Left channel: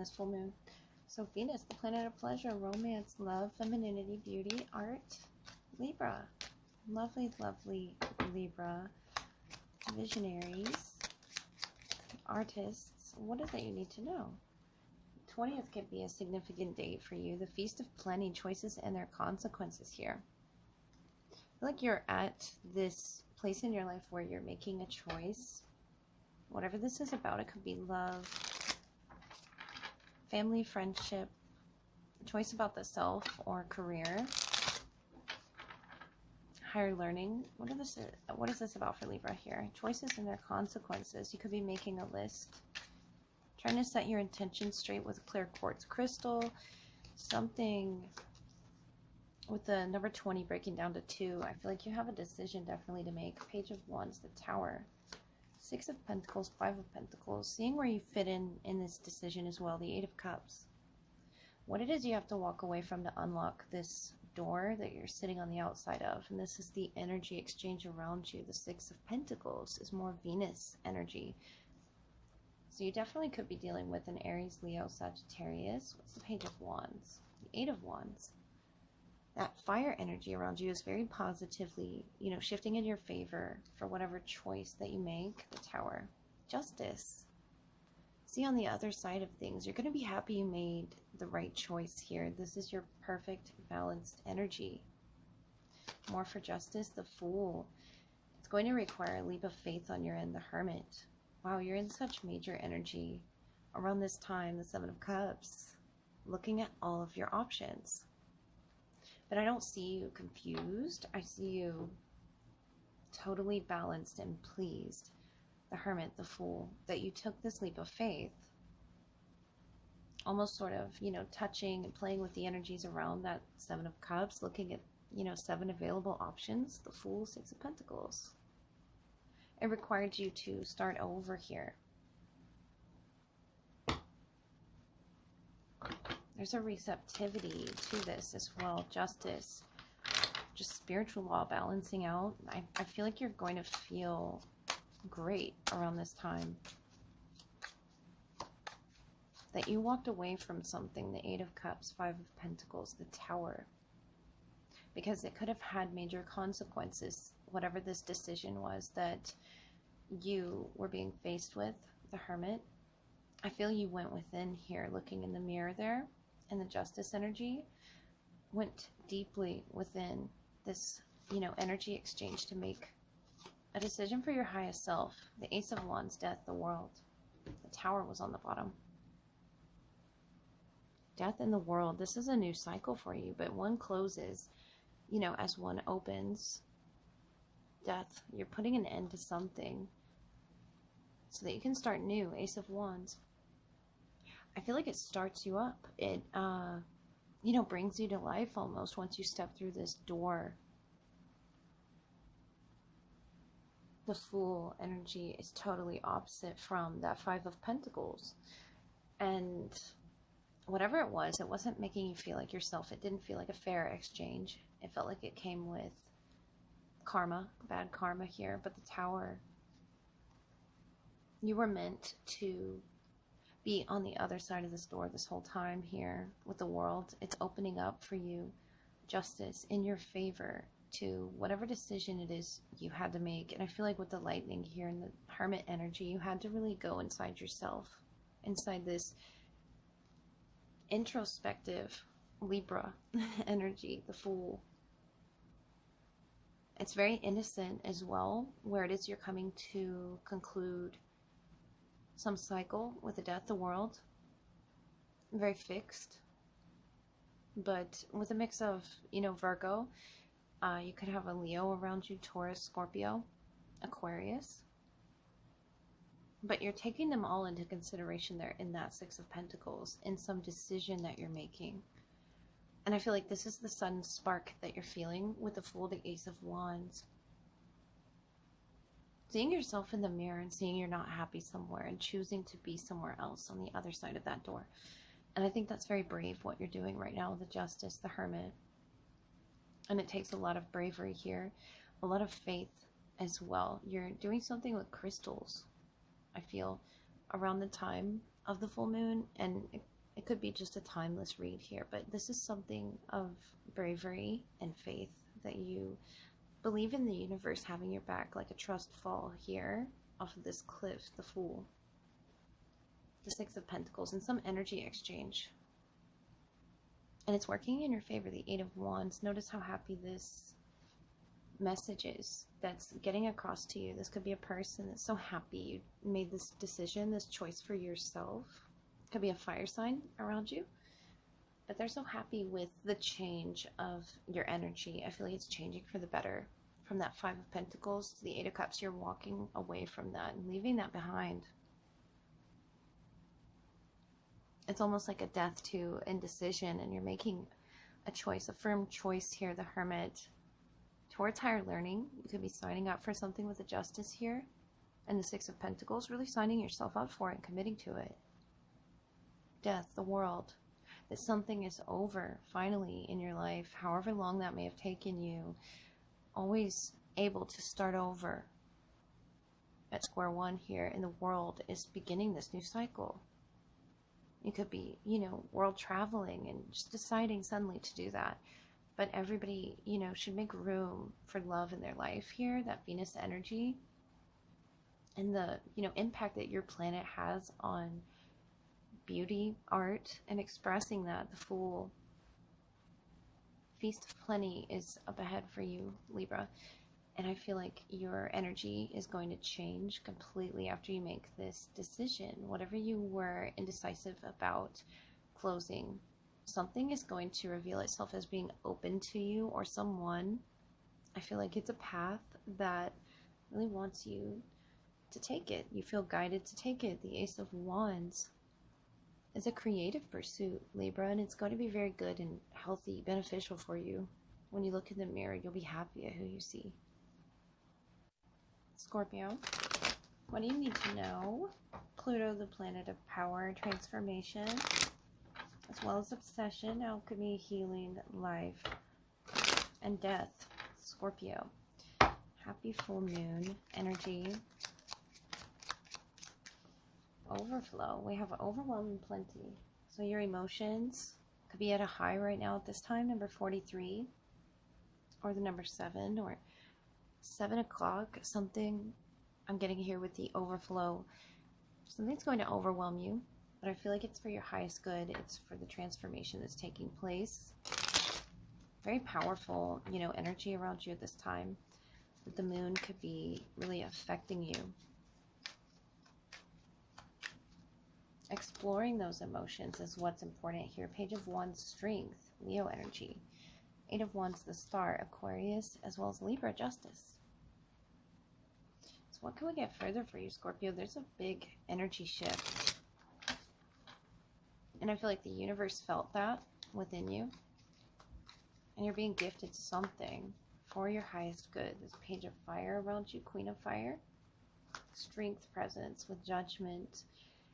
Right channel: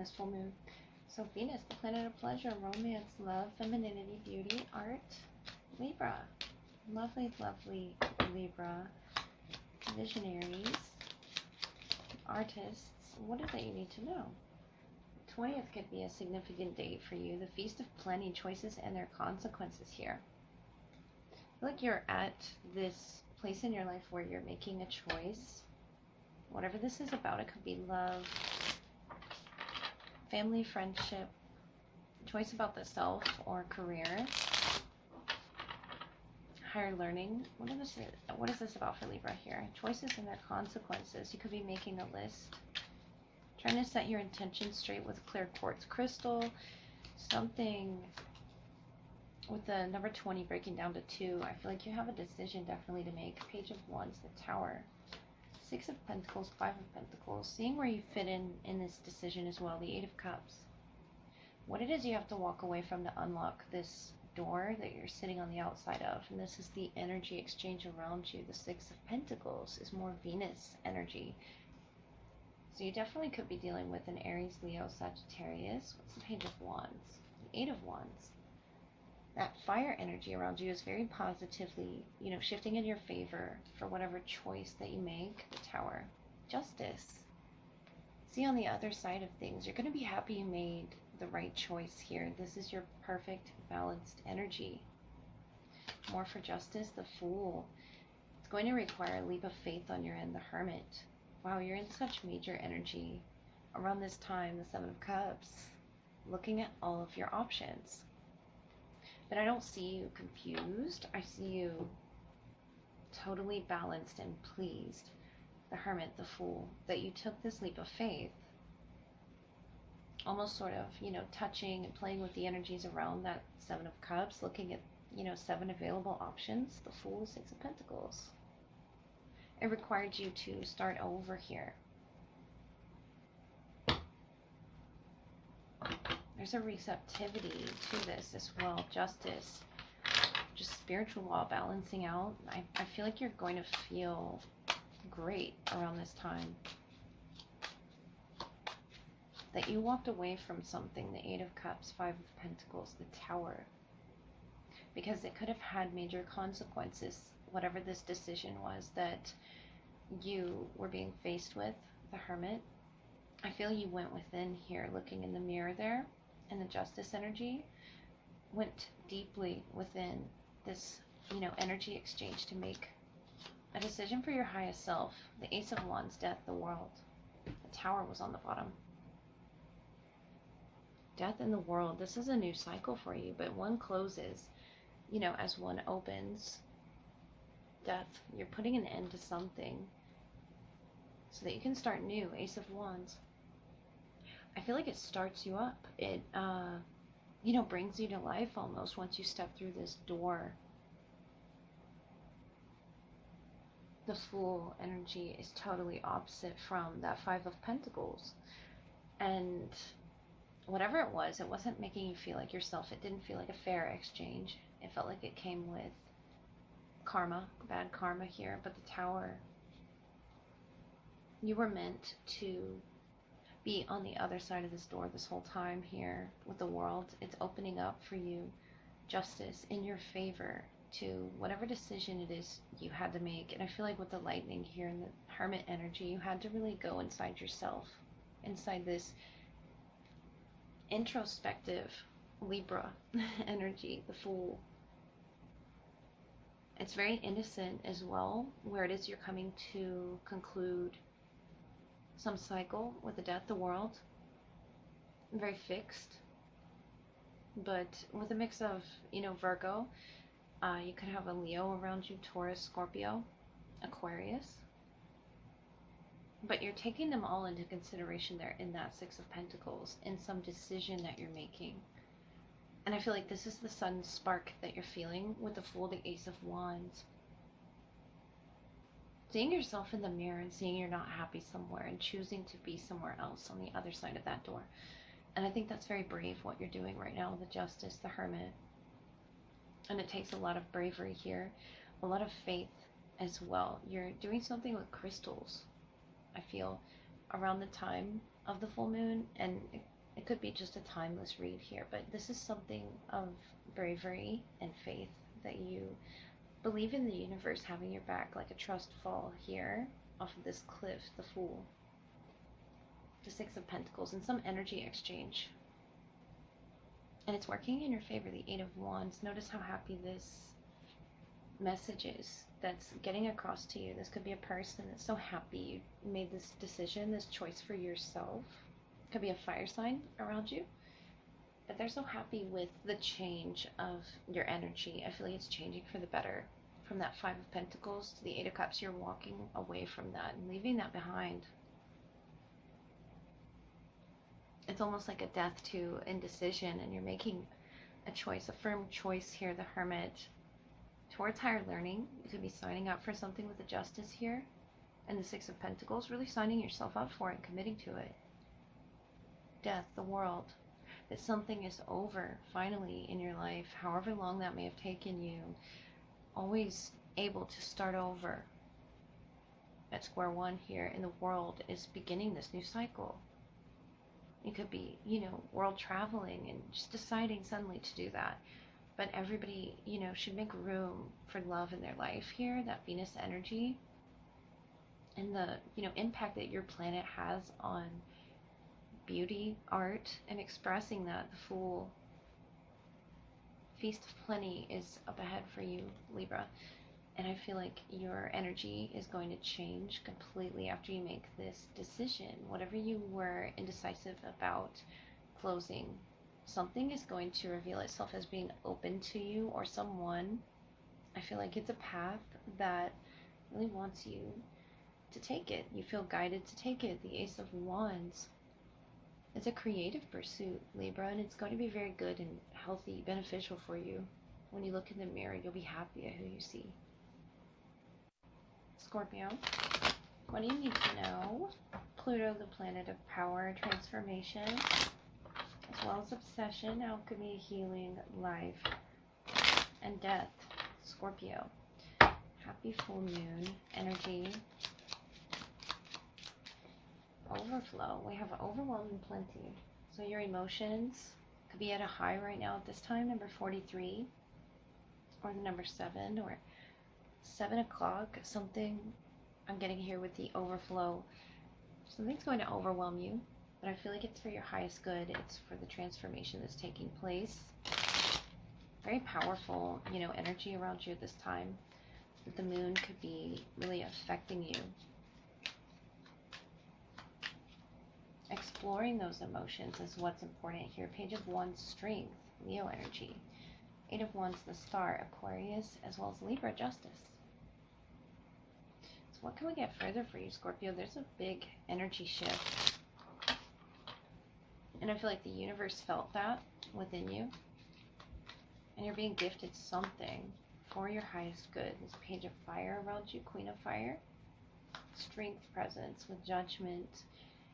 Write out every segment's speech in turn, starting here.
this full moon. So Venus, the planet of pleasure, romance, love, femininity, beauty, art, Libra. Lovely, lovely Libra. Visionaries, artists. What is it you need to know? 20th could be a significant date for you. The Feast of Plenty, choices and their consequences here. I feel like you're at this place in your life where you're making a choice. Whatever this is about, it could be love, family, friendship, choice about the self or career, higher learning. What is this about for Libra here? Choices and their consequences. You could be making a list, trying to set your intentions straight with a clear quartz crystal. Something with the number 20 breaking down to 2. I feel like you have a decision definitely to make. Page of Wands, the Tower, 6 of Pentacles, 5 of Pentacles. Seeing where you fit in this decision as well. The 8 of Cups. What it is you have to walk away from to unlock this door that you're sitting on the outside of. And this is the energy exchange around you. The 6 of Pentacles is more Venus energy. So you definitely could be dealing with an Aries, Leo, Sagittarius. What's the Page of Wands? The 8 of Wands. That fire energy around you is very positively, you know, shifting in your favor for whatever choice that you make. The Tower. Justice. See, on the other side of things, you're going to be happy you made the right choice here. This is your perfect, balanced energy. More for justice, the Fool. It's going to require a leap of faith on your end, the Hermit. Wow, you're in such major energy around this time, the 7 of Cups, looking at all of your options. But I don't see you confused. I see you totally balanced and pleased. The Hermit, the Fool, that you took this leap of faith. Almost sort of, you know, touching and playing with the energies around that 7 of Cups, looking at, you know, 7 available options. The Fool, 6 of Pentacles. It required you to start over here. There's a receptivity to this as well. Justice, just spiritual law balancing out. I feel like you're going to feel great around this time. That you walked away from something. The 8 of Cups, 5 of Pentacles, the Tower. Because it could have had major consequences, whatever this decision was that you were being faced with, the Hermit. I feel you went within here, looking in the mirror there, and the Justice energy went deeply within this, you know, energy exchange to make a decision for your highest self. The Ace of Wands, Death, the World. The Tower was on the bottom. Death in the World. This is a new cycle for you, but one closes, you know, as one opens. Death. You're putting an end to something so that you can start new. Ace of Wands. I feel like it starts you up. It, you know, brings you to life almost once you step through this door. The Fool energy is totally opposite from that 5 of Pentacles. And whatever it wasn't making you feel like yourself. It didn't feel like a fair exchange. It felt like it came with karma, bad karma here. But the Tower, you were meant to be on the other side of this door this whole time here with the World. It's opening up for you justice in your favor to whatever decision it is you had to make. And I feel like with the Lightning here and the Hermit energy, you had to really go inside yourself, inside this introspective Libra energy, the Fool. It's very innocent as well, where it is you're coming to conclude some cycle with the Death, the World. Very fixed, but with a mix of, you know, Virgo. You could have a Leo around you, Taurus, Scorpio, Aquarius. But you're taking them all into consideration there in that 6 of Pentacles, in some decision that you're making. And I feel like this is the sudden spark that you're feeling with the Fool, the Ace of Wands. Seeing yourself in the mirror and seeing you're not happy somewhere and choosing to be somewhere else on the other side of that door. And I think that's very brave what you're doing right now, the Justice, the Hermit. And it takes a lot of bravery here, a lot of faith as well. You're doing something with crystals, I feel, around the time of the full moon. And could be just a timeless read here, but this is something of bravery and faith, that you believe in the universe having your back, like a trust fall here off of this cliff, the Fool, the Six of Pentacles, and some energy exchange. And it's working in your favor, the Eight of Wands. Notice how happy this message is that's getting across to you. This could be a person that's so happy you made this decision, this choice for yourself. It could be a fire sign around you, but they're so happy with the change of your energy. I feel like it's changing for the better. From that Five of Pentacles to the Eight of Cups, you're walking away from that and leaving that behind. It's almost like a death to indecision, and you're making a choice, a firm choice here, the Hermit, towards higher learning. You could be signing up for something with the Justice here, and the Six of Pentacles, really signing yourself up for it and committing to it. Death, the World, that something is over finally in your life, however long that may have taken you. Always able to start over at square one here, and the World is beginning this new cycle. You could be, you know, world traveling and just deciding suddenly to do that. But everybody, you know, should make room for love in their life here, that Venus energy, and the, you know, impact that your planet has on beauty, art, and expressing that. The Fool, Feast of Plenty is up ahead for you, Libra. And I feel like your energy is going to change completely after you make this decision. Whatever you were indecisive about closing, something is going to reveal itself as being open to you, or someone. I feel like it's a path that really wants you to take it. You feel guided to take it. The Ace of Wands is a creative pursuit, Libra, and it's going to be very good and healthy, beneficial for you. When you look in the mirror, you'll be happy at who you see. Scorpio, what do you need to know? Pluto, the planet of power, transformation, as well as obsession, alchemy, healing, life, and death. Scorpio, happy full moon energy. Overflow. We have overwhelming plenty. So your emotions could be at a high right now at this time, number 43, or the number 7, or 7 o'clock, something I'm getting here with the overflow. Something's going to overwhelm you, but I feel like it's for your highest good. It's for the transformation that's taking place. Very powerful, you know, energy around you at this time. But the moon could be really affecting you. Exploring those emotions is what's important here. Page of Wands, strength, Leo energy. Eight of Wands, the Star, Aquarius, as well as Libra, justice. So what can we get further for you, Scorpio? There's a big energy shift. And I feel like the universe felt that within you. And you're being gifted something for your highest good. This Page of Fire around you, Queen of Fire. Strength, presence with judgment.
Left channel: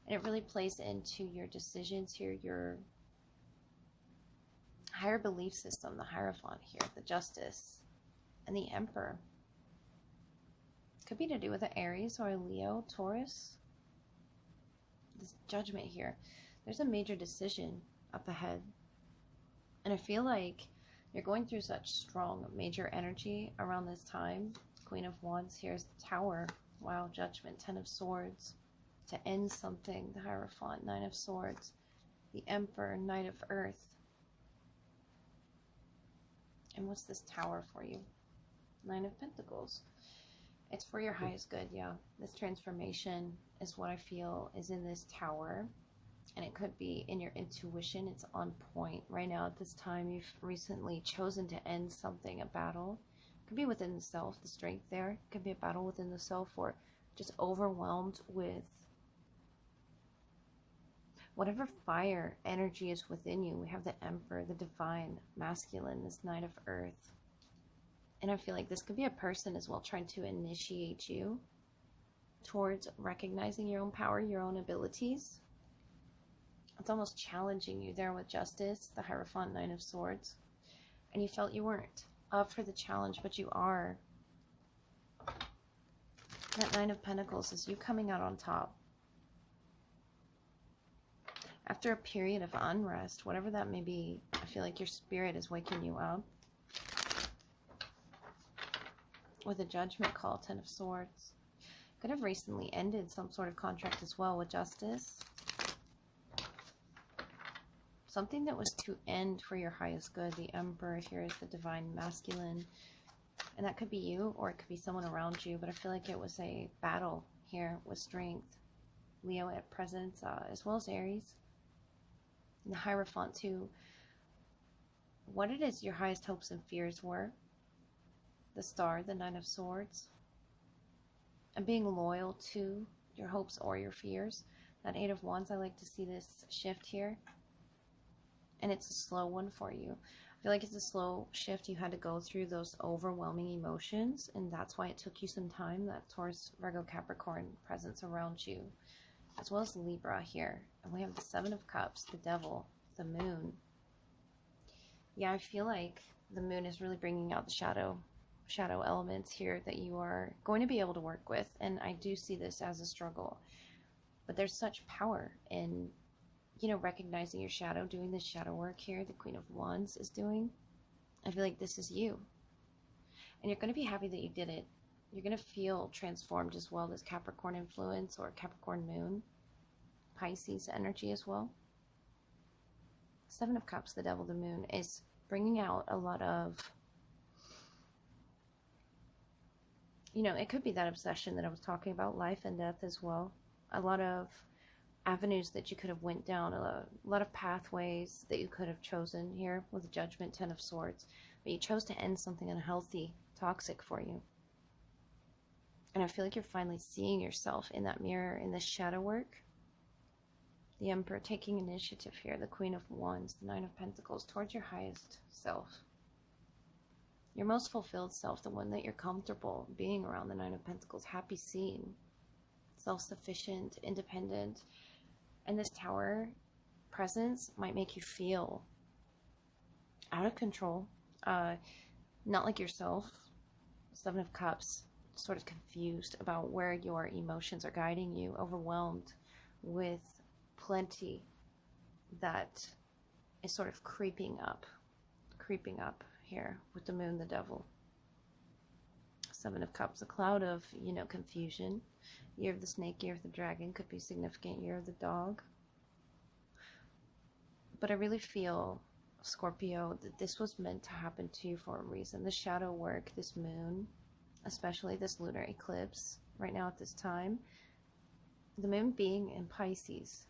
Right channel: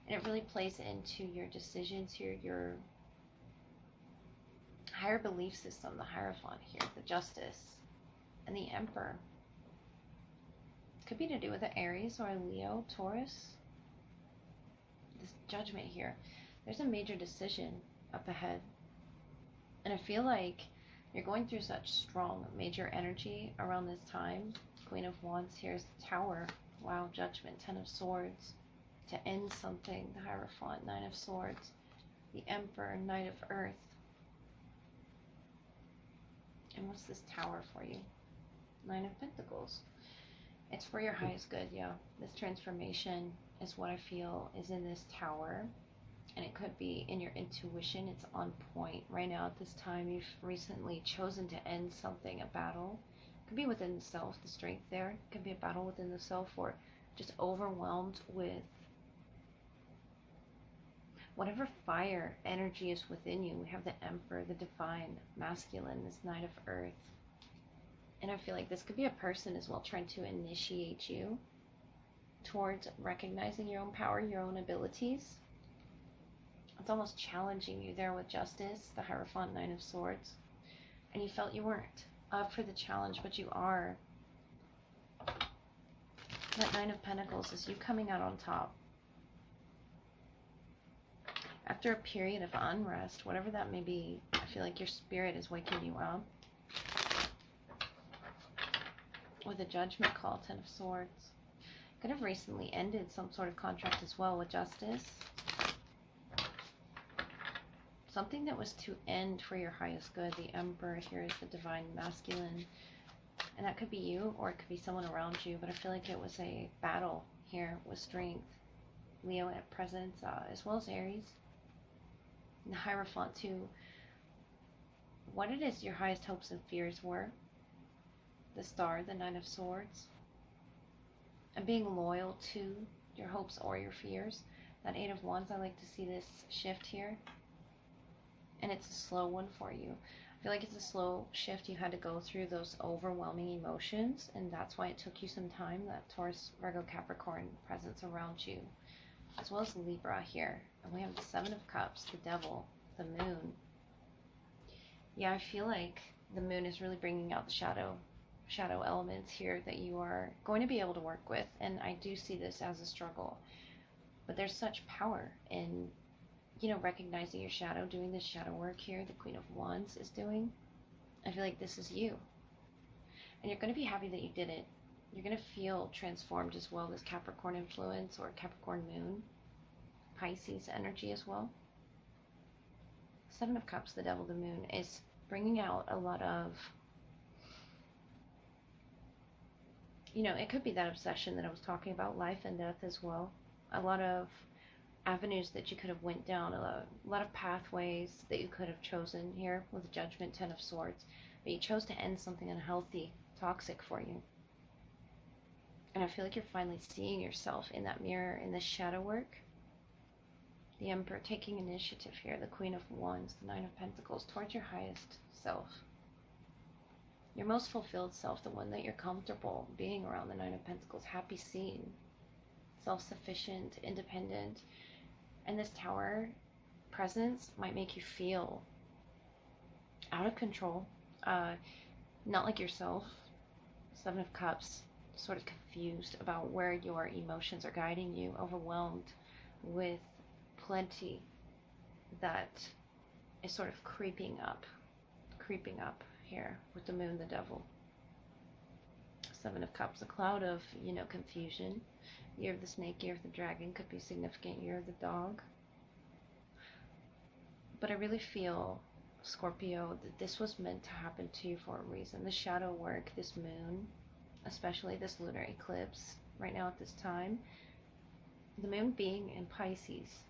And it really plays into your decisions here, your higher belief system, the Hierophant here, the Justice, and the Emperor. Could be to do with an Aries or a Leo, Taurus. This Judgment here. There's a major decision up ahead. And I feel like you're going through such strong, major energy around this time. Queen of Wands here is the Tower. Wow, Judgment, 10 of Swords. To end something, the Hierophant, 9 of Swords, the Emperor, Knight of Earth. And what's this Tower for you? 9 of Pentacles. It's for your highest good, yeah. This transformation is what I feel is in this Tower. And it could be in your intuition. It's on point right now at this time. You've recently chosen to end something, a battle. It could be within the self, the strength there. It could be a battle within the self, or just overwhelmed with whatever fire energy is within you. We have the Emperor, the divine, masculine, this Knight of Earth. And I feel like this could be a person as well, trying to initiate you towards recognizing your own power, your own abilities. It's almost challenging you there with Justice, the Hierophant, 9 of Swords. And you felt you weren't up for the challenge, but you are. That 9 of Pentacles is you coming out on top. After a period of unrest, whatever that may be, I feel like your spirit is waking you up. With a judgment call, 10 of Swords. Could have recently ended some sort of contract as well with Justice. Something that was to end for your highest good. The Emperor here is the Divine Masculine. And that could be you, or it could be someone around you. But I feel like it was a battle here with strength. Leo at presence, as well as Aries. And the Hierophant too. What it is your highest hopes and fears were. The Star, the Nine of Swords. And being loyal to your hopes or your fears. That Eight of Wands, I like to see this shift here. And it's a slow one for you. I feel like it's a slow shift. You had to go through those overwhelming emotions, and that's why it took you some time. That Taurus, Virgo, Capricorn presence around you, as well as Libra here. And we have the Seven of Cups, the Devil, the Moon. Yeah, I feel like the Moon is really bringing out the shadow elements here that you are going to be able to work with. And I do see this as a struggle, but there's such power in, you know, recognizing your shadow, doing this shadow work here. The Queen of Wands is doing. I feel like this is you, and you're going to be happy that you did it. You're going to feel transformed as well. This Capricorn influence, or Capricorn Moon, Pisces energy as well. Seven of Cups, the Devil, the Moon, is bringing out a lot of, you know, it could be that obsession that I was talking about, life and death as well. A lot of avenues that you could have went down, a lot of pathways that you could have chosen here with the Judgment, 10 of Swords, but you chose to end something unhealthy, toxic for you. And I feel like you're finally seeing yourself in that mirror, in this shadow work. The Emperor taking initiative here, the Queen of Wands, the Nine of Pentacles, towards your highest self. Your most fulfilled self, the one that you're comfortable being around, the Nine of Pentacles, happy seeing, self-sufficient, independent. And this Tower presence might make you feel out of control, not like yourself. Seven of Cups, sort of confused about where your emotions are guiding you, overwhelmed with plenty that is sort of creeping up here with the Moon, the Devil. Seven of Cups, a cloud of, you know, confusion. Year of the Snake, Year of the Dragon could be significant. Year of the Dog. But I really feel, Scorpio, that this was meant to happen to you for a reason. The shadow work, this Moon, especially this lunar eclipse right now at this time, the Moon being in Pisces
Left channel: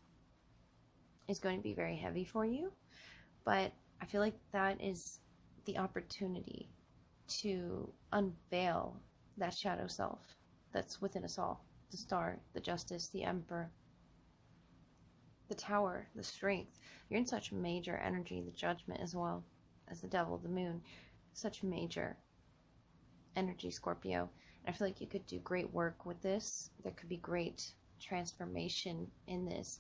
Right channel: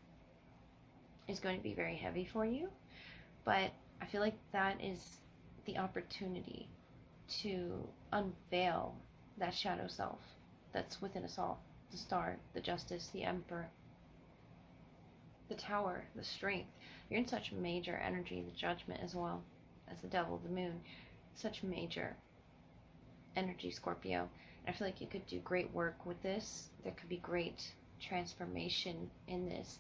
is going to be very heavy for you. But I feel like that is the opportunity to unveil that shadow self that's within us all. The Star, the Justice, the Emperor, the Tower, the Strength. You're in such major energy, the Judgment as well as the Devil, the Moon. Such major energy, Scorpio. And I feel like you could do great work with this. There could be great transformation in this.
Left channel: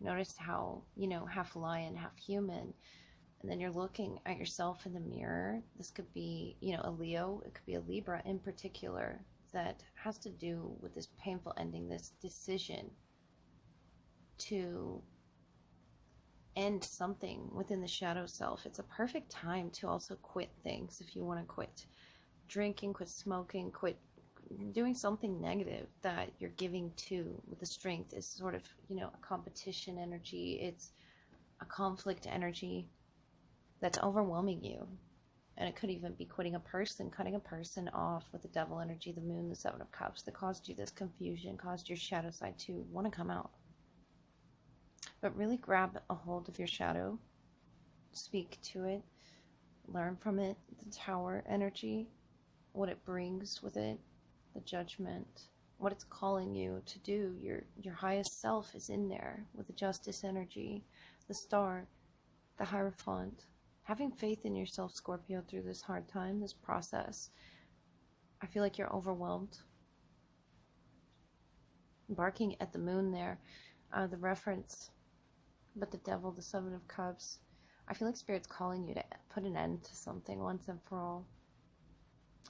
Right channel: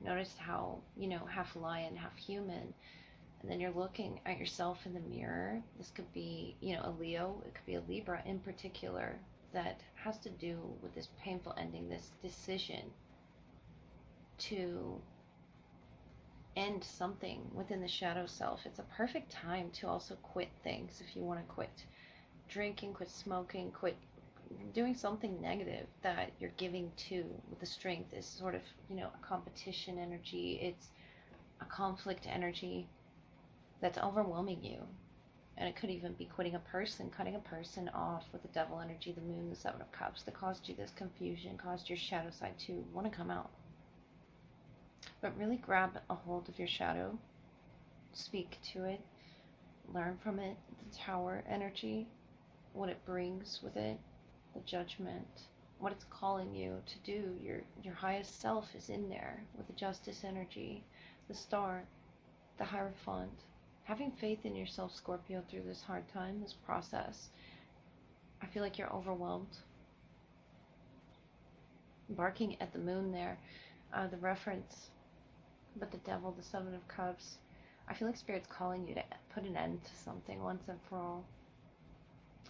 Notice how, you know, half lion, half human. And then you're looking at yourself in the mirror. This could be, you know, a Leo. It could be a Libra in particular, that has to do with this painful ending, this decision to end something within the shadow self. It's a perfect time to also quit things if you want to quit drinking, quit smoking, quit doing something negative that you're giving to. With the Strength is sort of, you know, a competition energy. It's a conflict energy that's overwhelming you. And it could even be quitting a person, cutting a person off with the Devil energy, the Moon, the Seven of Cups, that caused you this confusion, caused your shadow side to want to come out. But really grab a hold of your shadow, speak to it, learn from it, the Tower energy, what it brings with it, the Judgment, what it's calling you to do. Your highest self is in there with the Justice energy, the Star, the Hierophant. Having faith in yourself, Scorpio, through this hard time, this process. I feel like you're overwhelmed. Barking at the Moon there, the reference, but the Devil, the Seven of Cups. I feel like Spirit's calling you to put an end to something once and for all.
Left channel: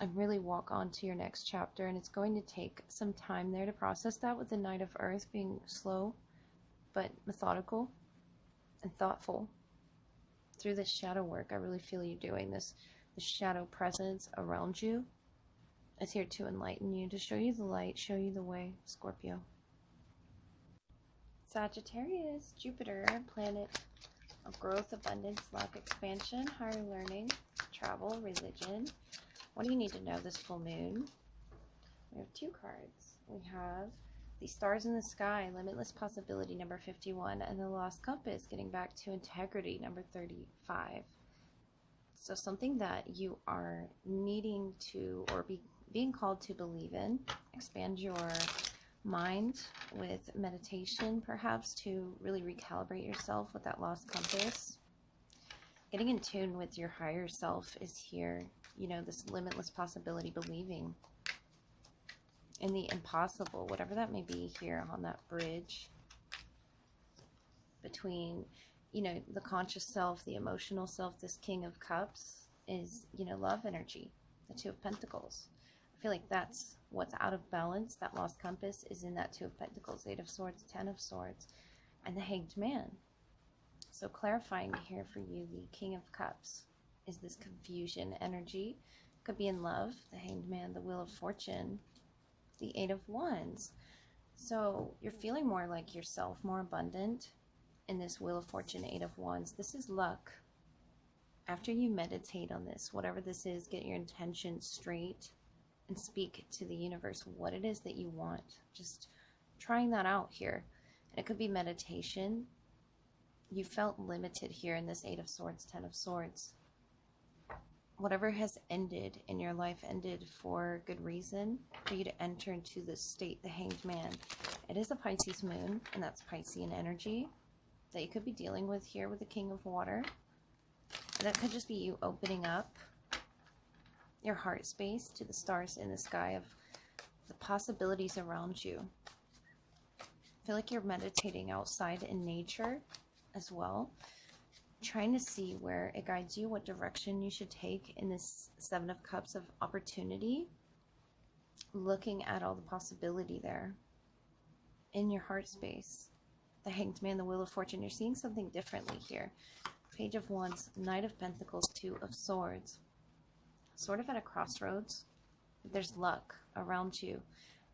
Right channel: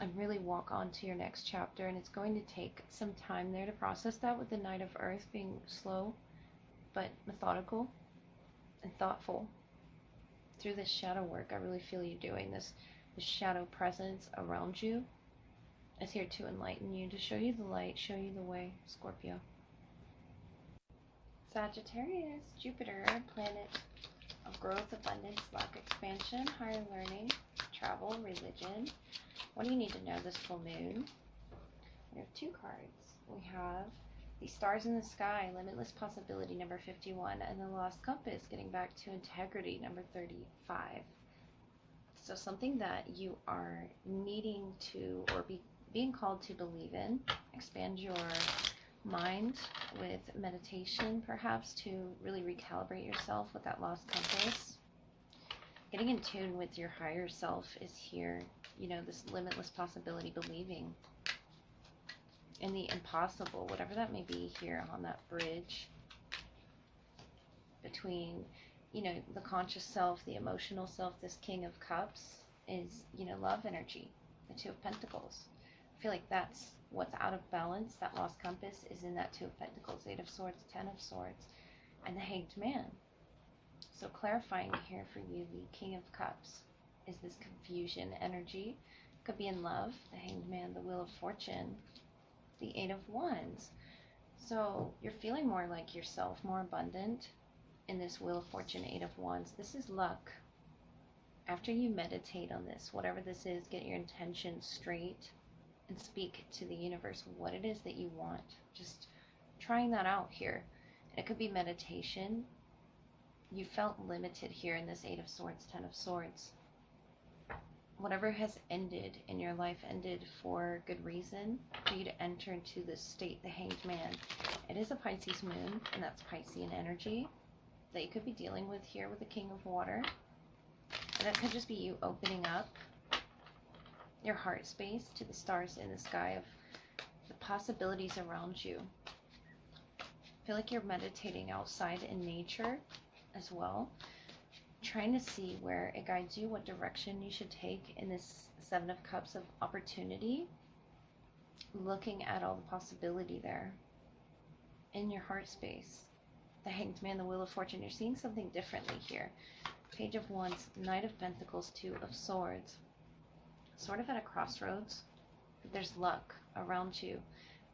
And really walk on to your next chapter. And it's going to take some time there to process that, with the Knight of Earth being slow but methodical. and thoughtful. Through this shadow work, I really feel you doing this. The shadow presence around you is here to enlighten you, to show you the light, show you the way, Scorpio. Sagittarius, Jupiter, planet of growth, abundance, lack, expansion, higher learning, travel, religion. What do you need to know this full moon? We have two cards. We have the stars in the sky, limitless possibility, number 51, and the lost compass, getting back to integrity, number 35. So something that you are needing to, or being called to believe in. Expand your mind with meditation, perhaps, to really recalibrate yourself with that lost compass. Getting in tune with your higher self is here. You know, this limitless possibility, believing in the impossible, whatever that may be, here on that bridge between, you know, the conscious self, the emotional self. This King of Cups is, you know, love energy, the Two of Pentacles. I feel like that's what's out of balance. That lost compass is in that Two of Pentacles, Eight of Swords, Ten of Swords, and the Hanged Man. So clarifying here for you, the King of Cups is this confusion energy. Could be in love, the Hanged Man, the Wheel of Fortune, the Eight of Wands. So you're feeling more like yourself, more abundant in this Wheel of Fortune, Eight of Wands. This is luck. After you meditate on this, whatever this is, get your intention straight and speak to the universe what it is that you want. Just trying that out here. And it could be meditation. You felt limited here in this Eight of Swords, Ten of Swords. Whatever has ended in your life ended for good reason, for you to enter into this state, the Hanged Man. It is a Pisces moon, and that's Piscean energy that you could be dealing with here with the King of Water. And it could just be you opening up your heart space to the stars in the sky of the possibilities around you. I feel like you're meditating outside in nature as well, trying to see where it guides you, what direction you should take in this Seven of Cups of opportunity, looking at all the possibility there in your heart space. The Hanged Man, the Wheel of Fortune, you're seeing something differently here. Page of Wands, Knight of Pentacles, Two of Swords. Sort of at a crossroads. There's luck around you,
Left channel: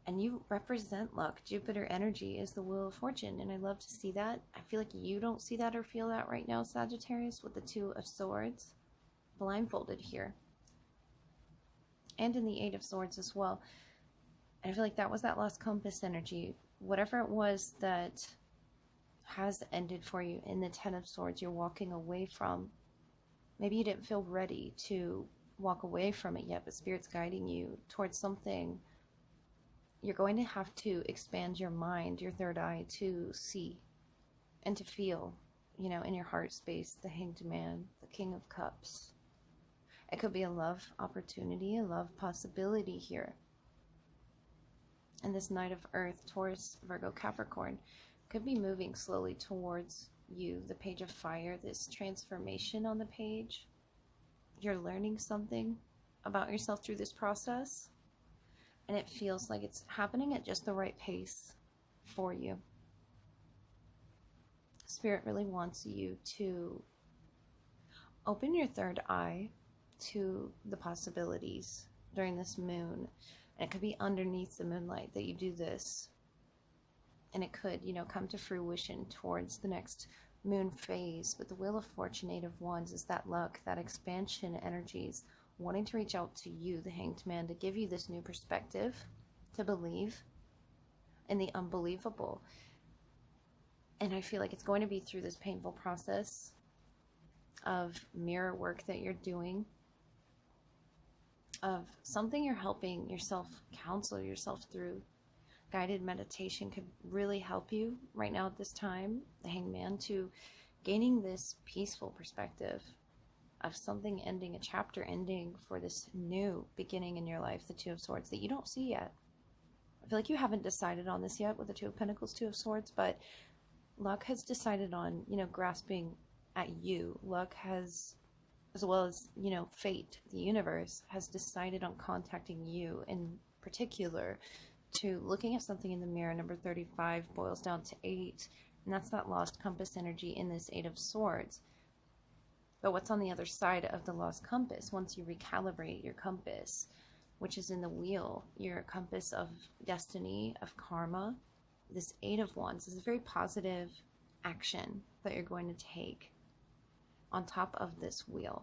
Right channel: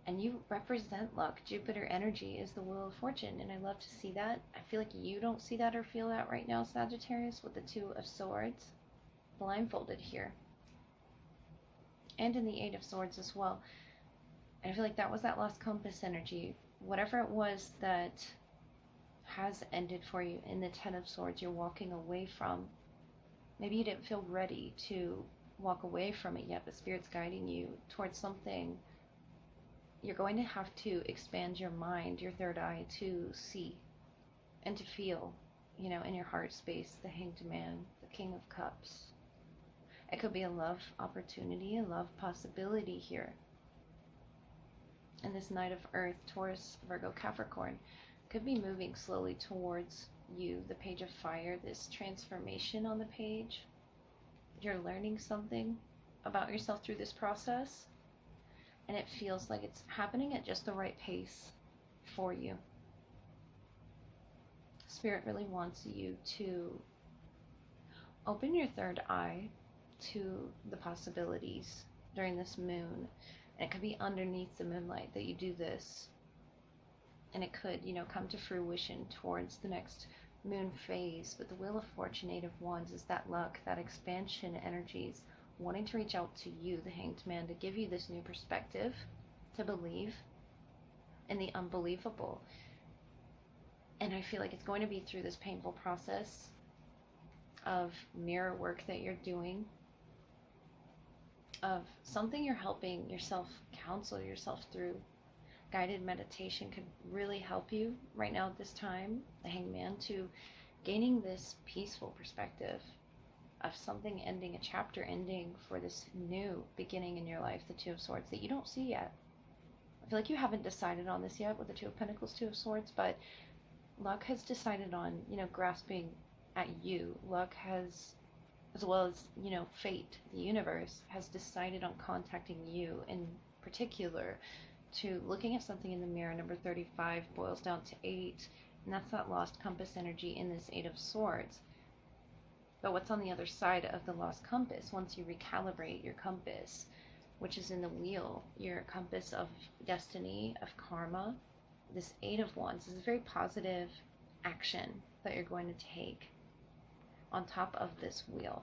and you represent luck. Jupiter energy is the Wheel of Fortune, and I love to see that. I feel like you don't see that or feel that right now, Sagittarius, with the Two of Swords, blindfolded here, and in the Eight of Swords as well. And I feel like that was that lost compass energy. Whatever it was that has ended for you in the Ten of Swords, you're walking away from. Maybe you didn't feel ready to walk away from it yet, but Spirit's guiding you towards something. You're going to have to expand your mind, your third eye, to see and to feel, you know, in your heart space, the Hanged Man, the King of Cups. It could be a love opportunity, a love possibility here. And this Knight of Earth, Taurus, Virgo, Capricorn, could be moving slowly towards you. The Page of Fire, this transformation on the page. You're learning something about yourself through this process, and it feels like it's happening at just the right pace for you. Spirit really wants you to open your third eye to the possibilities during this moon. And it could be underneath the moonlight that you do this, and it could, you know, come to fruition towards the next moon phase. But the Wheel of Fortune, Eight of Wands, is that luck, that expansion energies, wanting to reach out to you, the Hanged Man, to give you this new perspective, to believe in the unbelievable. And I feel like it's going to be through this painful process of mirror work that you're doing, of something you're helping yourself counsel yourself through. Guided meditation could really help you right now at this time, the Hanged Man, to gaining this peaceful perspective of something ending, a chapter ending for this new beginning in your life, the Two of Swords, that you don't see yet. I feel like you haven't decided on this yet with the Two of Pentacles, Two of Swords, but luck has decided on, you know, grasping at you. Luck has, as well as, you know, fate, the universe, has decided on contacting you in particular, to looking at something in the mirror. Number 35 boils down to 8, And that's that lost compass energy in this Eight of Swords. But what's on the other side of the lost compass, once you recalibrate your compass, which is in the wheel, your compass of destiny, of karma, this Eight of Wands is a very positive action that you're going to take on top of this wheel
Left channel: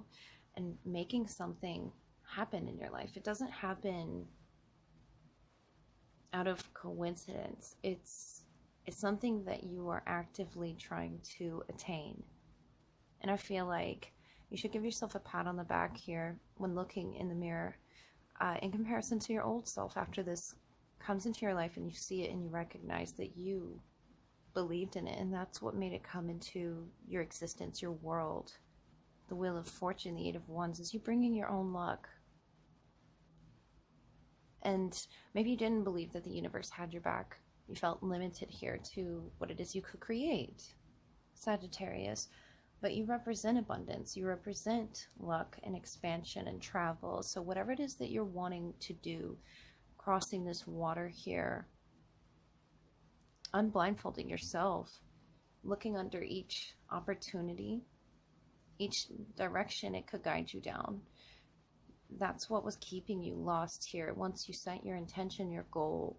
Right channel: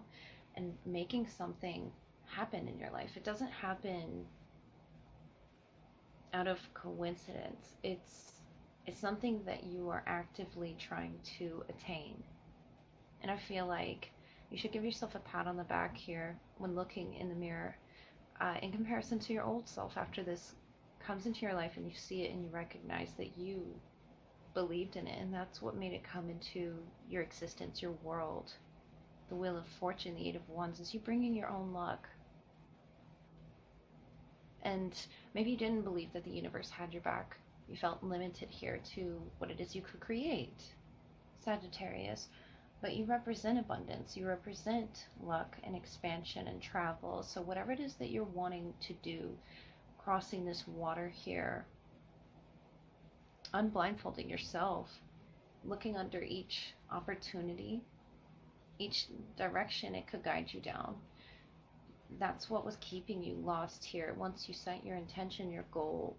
and making something happen in your life. It doesn't happen out of coincidence. It's something that you are actively trying to attain. And I feel like you should give yourself a pat on the back here when looking in the mirror in comparison to your old self after this comes into your life and you see it and you recognize that you believed in it and that's what made it come into your existence, your world. The Wheel of Fortune, the Eight of Wands, is you bringing your own luck. And maybe you didn't believe that the universe had your back. You felt limited here to what it is you could create, Sagittarius. But you represent abundance, you represent luck and expansion and travel. So whatever it is that you're wanting to do, crossing this water here, unblindfolding yourself, looking under each opportunity, each direction it could guide you down. That's what was keeping you lost here. Once you set your intention, your goal,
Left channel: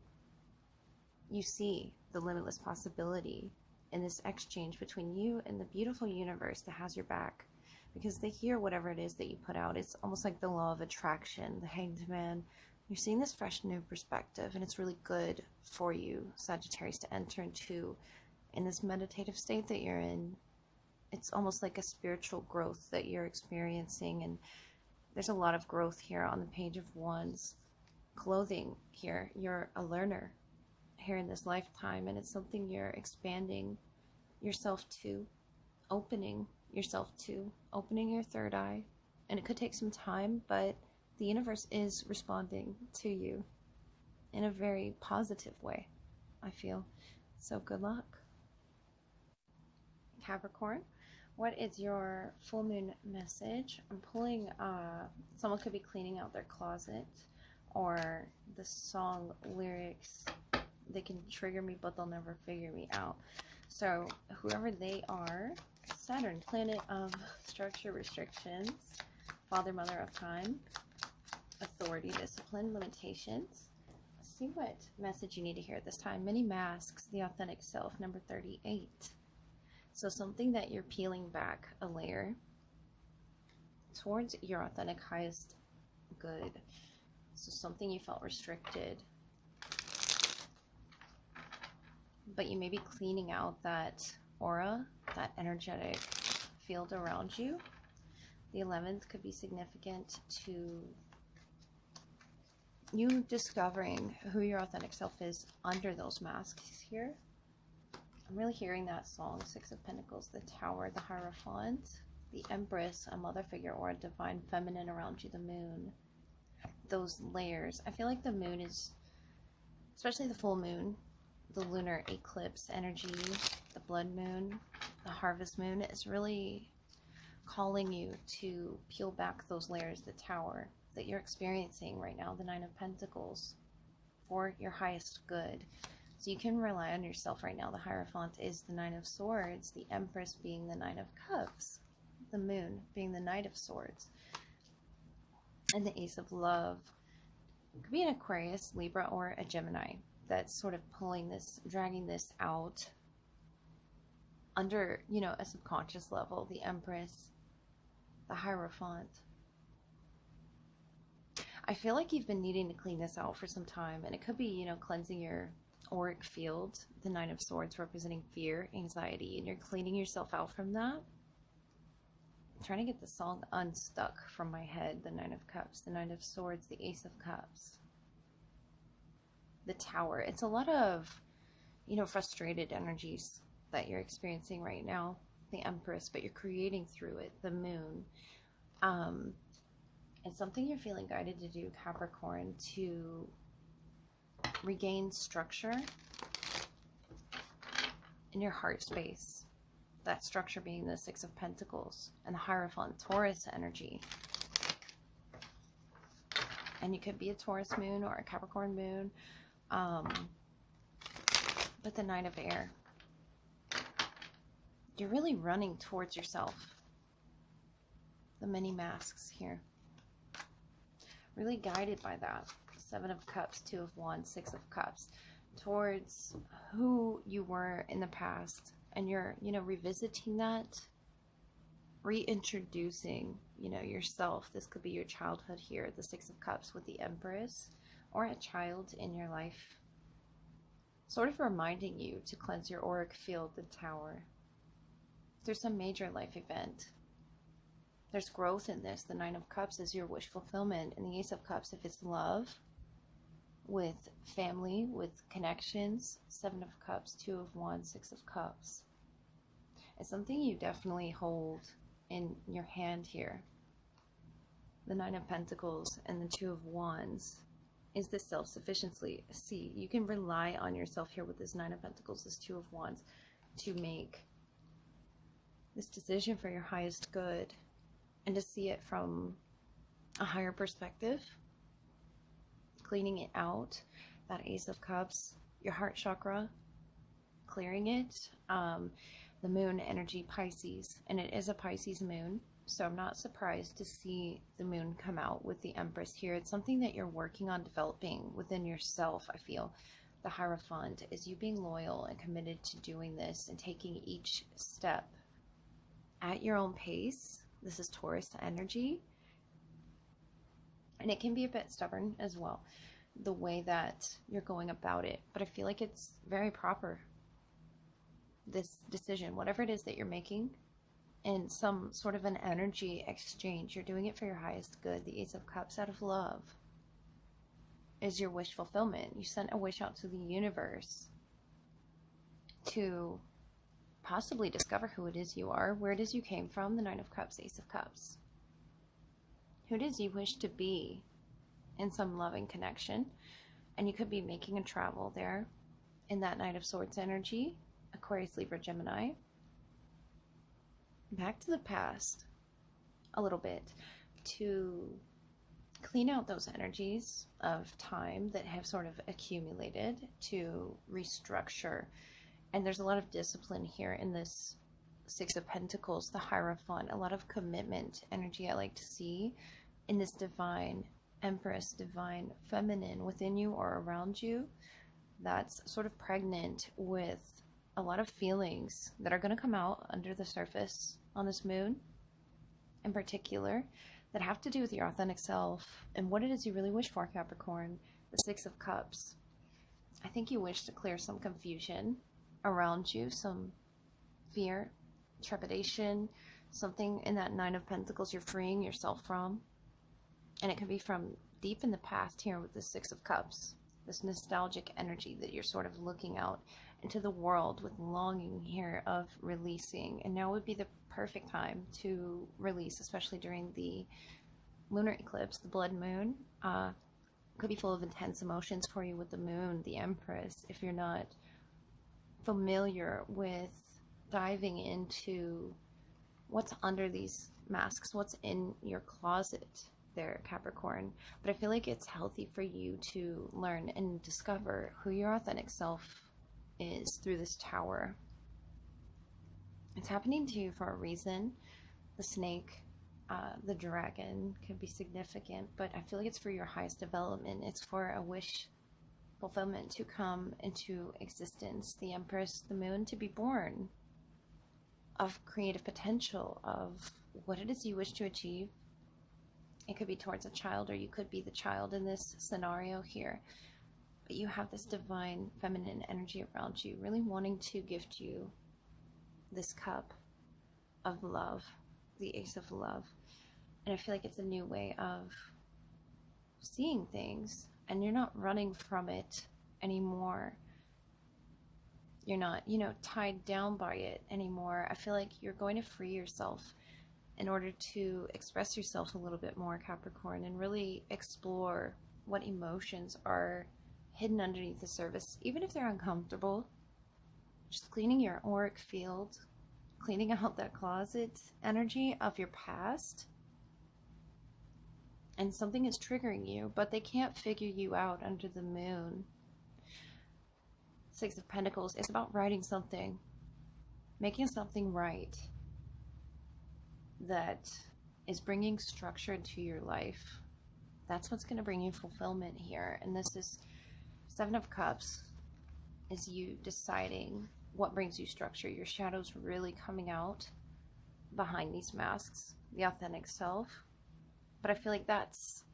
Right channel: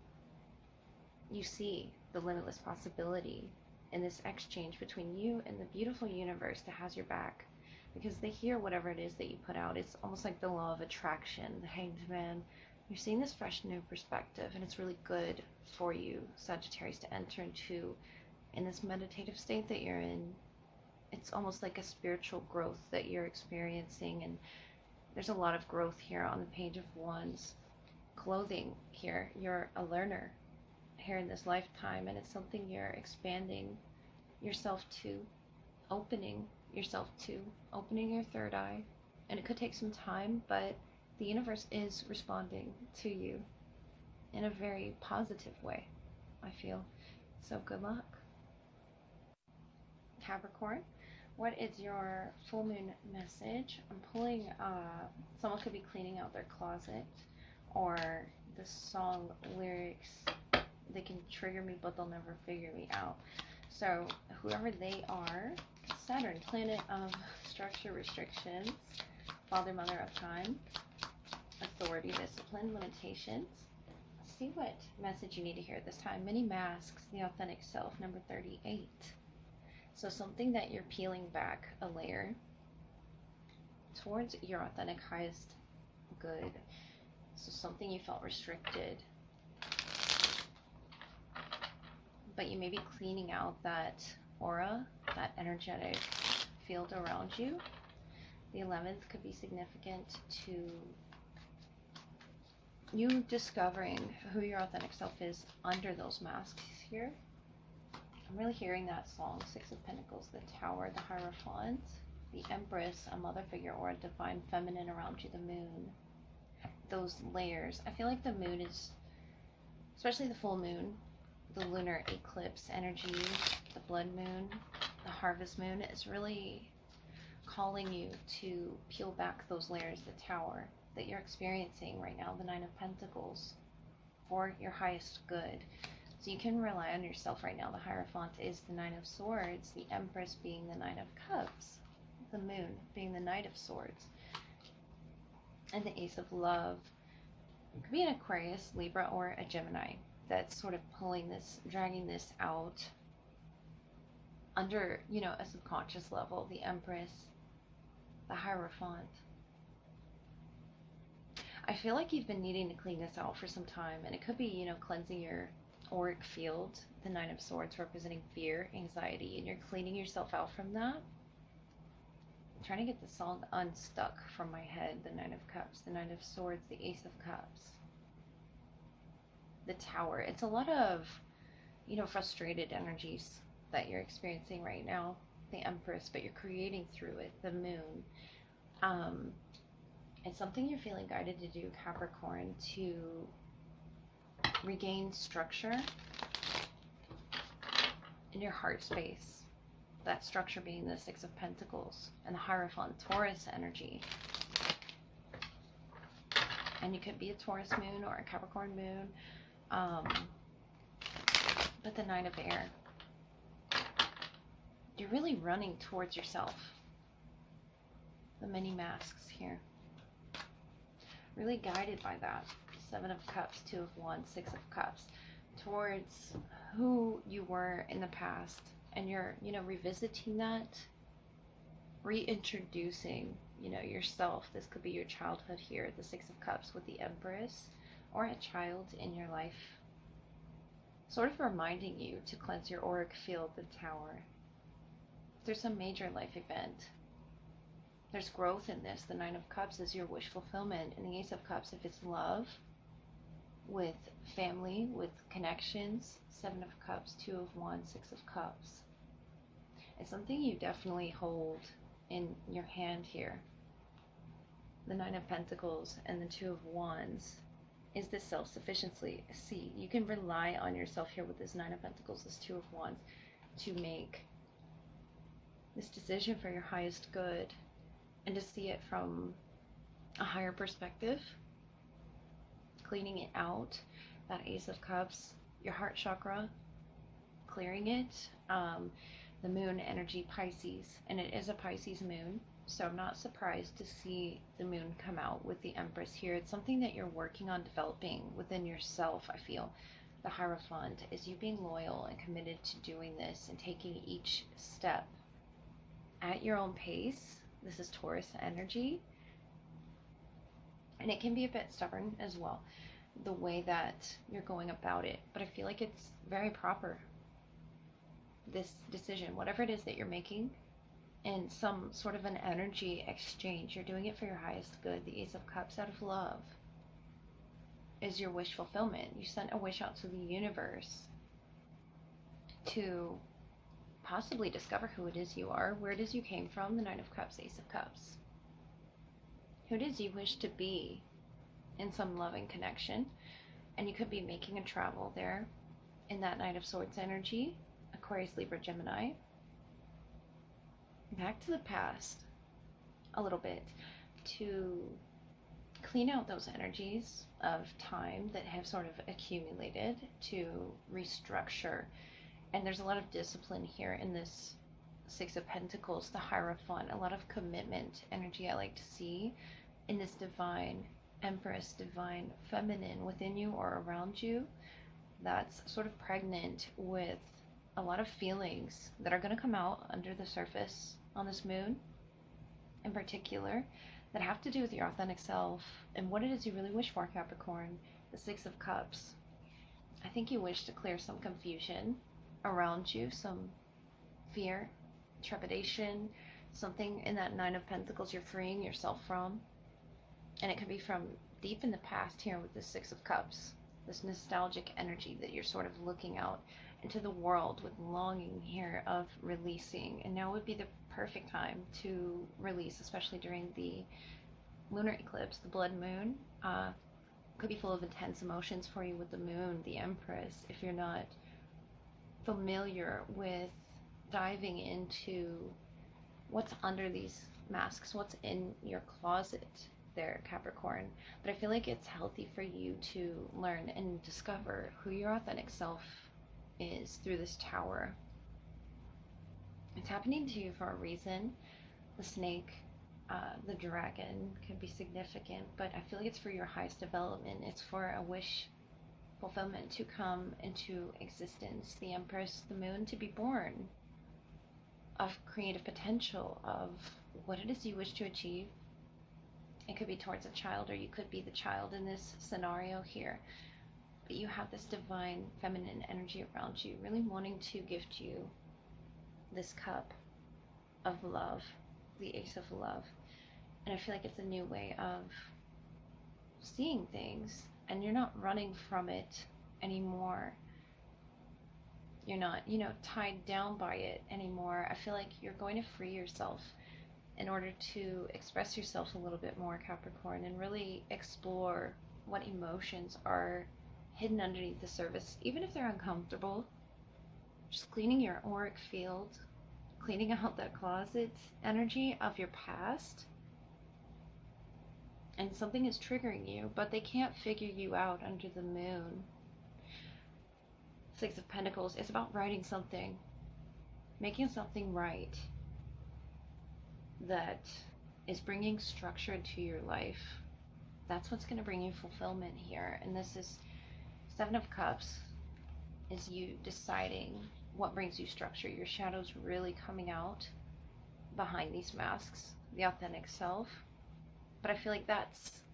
you see the limitless possibility in this exchange between you and the beautiful universe that has your back, because they hear whatever it is that you put out. It's almost like the law of attraction, the Hanged Man. You're seeing this fresh new perspective, and it's really good for you, Sagittarius, to enter into in this meditative state that you're in. It's almost like a spiritual growth that you're experiencing, and there's a lot of growth here on the Page of Wands. Clothing here, you're a learner here in this lifetime, and it's something you're expanding yourself to, opening yourself to, opening your third eye. And it could take some time, but the universe is responding to you in a very positive way, I feel. So good luck. Capricorn, what is your full moon message? I'm pulling, someone could be cleaning out their closet, or the song lyrics, they can trigger me, but they'll never figure me out. So whoever they are, Saturn, planet of structure, restrictions, father, mother of time, authority, discipline, limitations. Let's see what message you need to hear at this time. Many masks, the authentic self, number 38. So something that you're peeling back a layer towards your authentic highest good. So something you felt restricted, but you may be cleaning out that aura, that energetic field around you. The 11th could be significant to you discovering who your authentic self is under those masks here. I'm really hearing that song, Six of Pentacles, the Tower, the Hierophant, the Empress, a mother figure, or a divine feminine around you, the moon. Those layers. I feel like the moon is, especially the full moon, the lunar eclipse energy, the blood moon, the harvest moon, is really calling you to peel back those layers, the tower that you're experiencing right now, the Nine of Pentacles, for your highest good. So you can rely on yourself right now. The Hierophant is the Nine of Swords, the Empress being the Nine of Cups, the moon being the Knight of Swords, and the Ace of Love. It could be an Aquarius, Libra, or a Gemini that's sort of pulling this, dragging this out under, you know, a subconscious level. The Empress, the Hierophant. I feel like you've been needing to clean this out for some time, and it could be, you know, cleansing your auric field, the Nine of Swords representing fear, anxiety, and you're cleaning yourself out from that. I'm trying to get the song unstuck from my head. The Nine of Cups, the Nine of Swords, the Ace of Cups, the Tower. It's a lot of, you know, frustrated energies that you're experiencing right now. The Empress, but you're creating through it. The Moon. It's something you're feeling guided to do, Capricorn, to regain structure in your heart space. That structure being the Six of Pentacles and the Hierophant, Taurus energy. And you could be a Taurus moon or a Capricorn moon. But the Nine of Air. you're really running towards yourself. The many masks here. Really guided by that. 7 of Cups, 2 of Wands, 6 of Cups. Towards who you were in the past. And you're, revisiting that. Reintroducing, yourself. This could be your childhood here. The 6 of Cups with the Empress. Or a child in your life. Sort of reminding you to cleanse your auric field, the Tower. Through some major life event. There's growth in this. The 9 of Cups is your wish fulfillment. And the Ace of Cups, if it's love, with family, with connections. 7 of Cups, 2 of Wands, 6 of Cups. It's something you definitely hold in your hand here. The 9 of Pentacles and the 2 of Wands is this self-sufficiency. See, you can rely on yourself here with this 9 of Pentacles, this 2 of Wands, to make this decision for your highest good. And to see it from a higher perspective, cleaning it out, that Ace of Cups, your heart chakra, clearing it, the moon energy, Pisces, and it is a Pisces moon, so I'm not surprised to see the moon come out with the Empress here. It's something that you're working on developing within yourself, I feel. The Hierophant is you being loyal and committed to doing this and taking each step at your own pace. This is Taurus energy, and it can be a bit stubborn as well, the way that you're going about it, but I feel like it's very proper, this decision, whatever it is that you're making, in some sort of an energy exchange. You're doing it for your highest good. The Ace of Cups, out of love, is your wish fulfillment. You sent a wish out to the universe to possibly discover who it is you are, where it is you came from. The 9 of Cups, Ace of Cups. Who it is you wish to be in some loving connection. And you could be making a travel there in that Knight of Swords energy. Aquarius, Libra, Gemini. Back to the past a little bit to clean out those energies of time that have sort of accumulated, to restructure. And there's a lot of discipline here in this 6 of Pentacles, the Hierophant, a lot of commitment energy I like to see in this divine Empress, divine feminine within you or around you, that's sort of pregnant with a lot of feelings that are going to come out under the surface on this moon in particular, that have to do with your authentic self and what it is you really wish for, Capricorn. The 6 of Cups. I think you wish to clear some confusion around you, some fear, trepidation, something in that 9 of Pentacles you're freeing yourself from. And it could be from deep in the past here with the 6 of Cups, this nostalgic energy that you're sort of looking out into the world with longing here of releasing. And now would be the perfect time to release, especially during the lunar eclipse, the blood moon. Could be full of intense emotions for you with the moon, the Empress, if you're not familiar with diving into what's under these masks, what's in your closet there, Capricorn. But I feel like it's healthy for you to learn and discover who your authentic self is through this Tower. It's happening to you for a reason. The snake, the dragon can be significant, but I feel like it's for your highest development. It's for a wish fulfillment to come into existence. The Empress, the moon, to be born of creative potential, of what it is you wish to achieve. It could be towards a child, or you could be the child in this scenario here. But you have this divine feminine energy around you, really wanting to gift you this cup of love, the Ace of Love. And I feel like it's a new way of seeing things, and you're not running from it anymore. You're not, tied down by it anymore. I feel like you're going to free yourself in order to express yourself a little bit more, Capricorn, and really explore what emotions are hidden underneath the surface, even if they're uncomfortable. Just cleaning your auric field, cleaning out that closet energy of your past. And something is triggering you, but they can't figure you out under the moon. 6 of Pentacles is about writing something, making something right that is bringing structure to your life. That's what's going to bring you fulfillment here. And this is Seven of Cups, is you deciding what brings you structure. Your shadow's really coming out behind these masks, the authentic self. But I feel like that's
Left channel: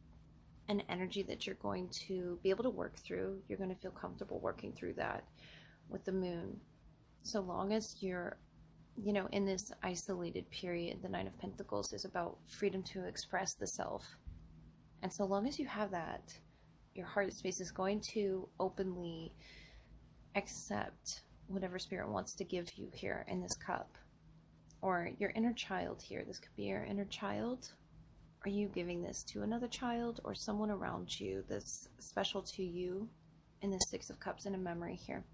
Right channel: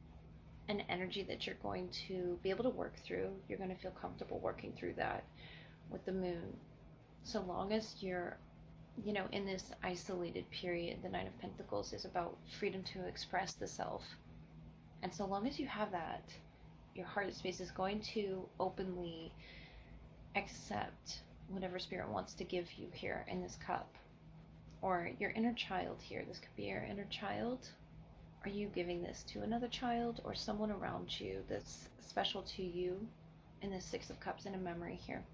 an energy that you're going to be able to work through. You're going to feel comfortable working through that with the moon. So long as you're, you know, in this isolated period, the Nine of Pentacles is about freedom to express the self. And so long as you have that, your heart space is going to openly accept whatever spirit wants to give you here in this cup. Or your inner child here. This could be your inner child. Are you giving this to another child or someone around you that's special to you? In the Six of Cups in a memory here.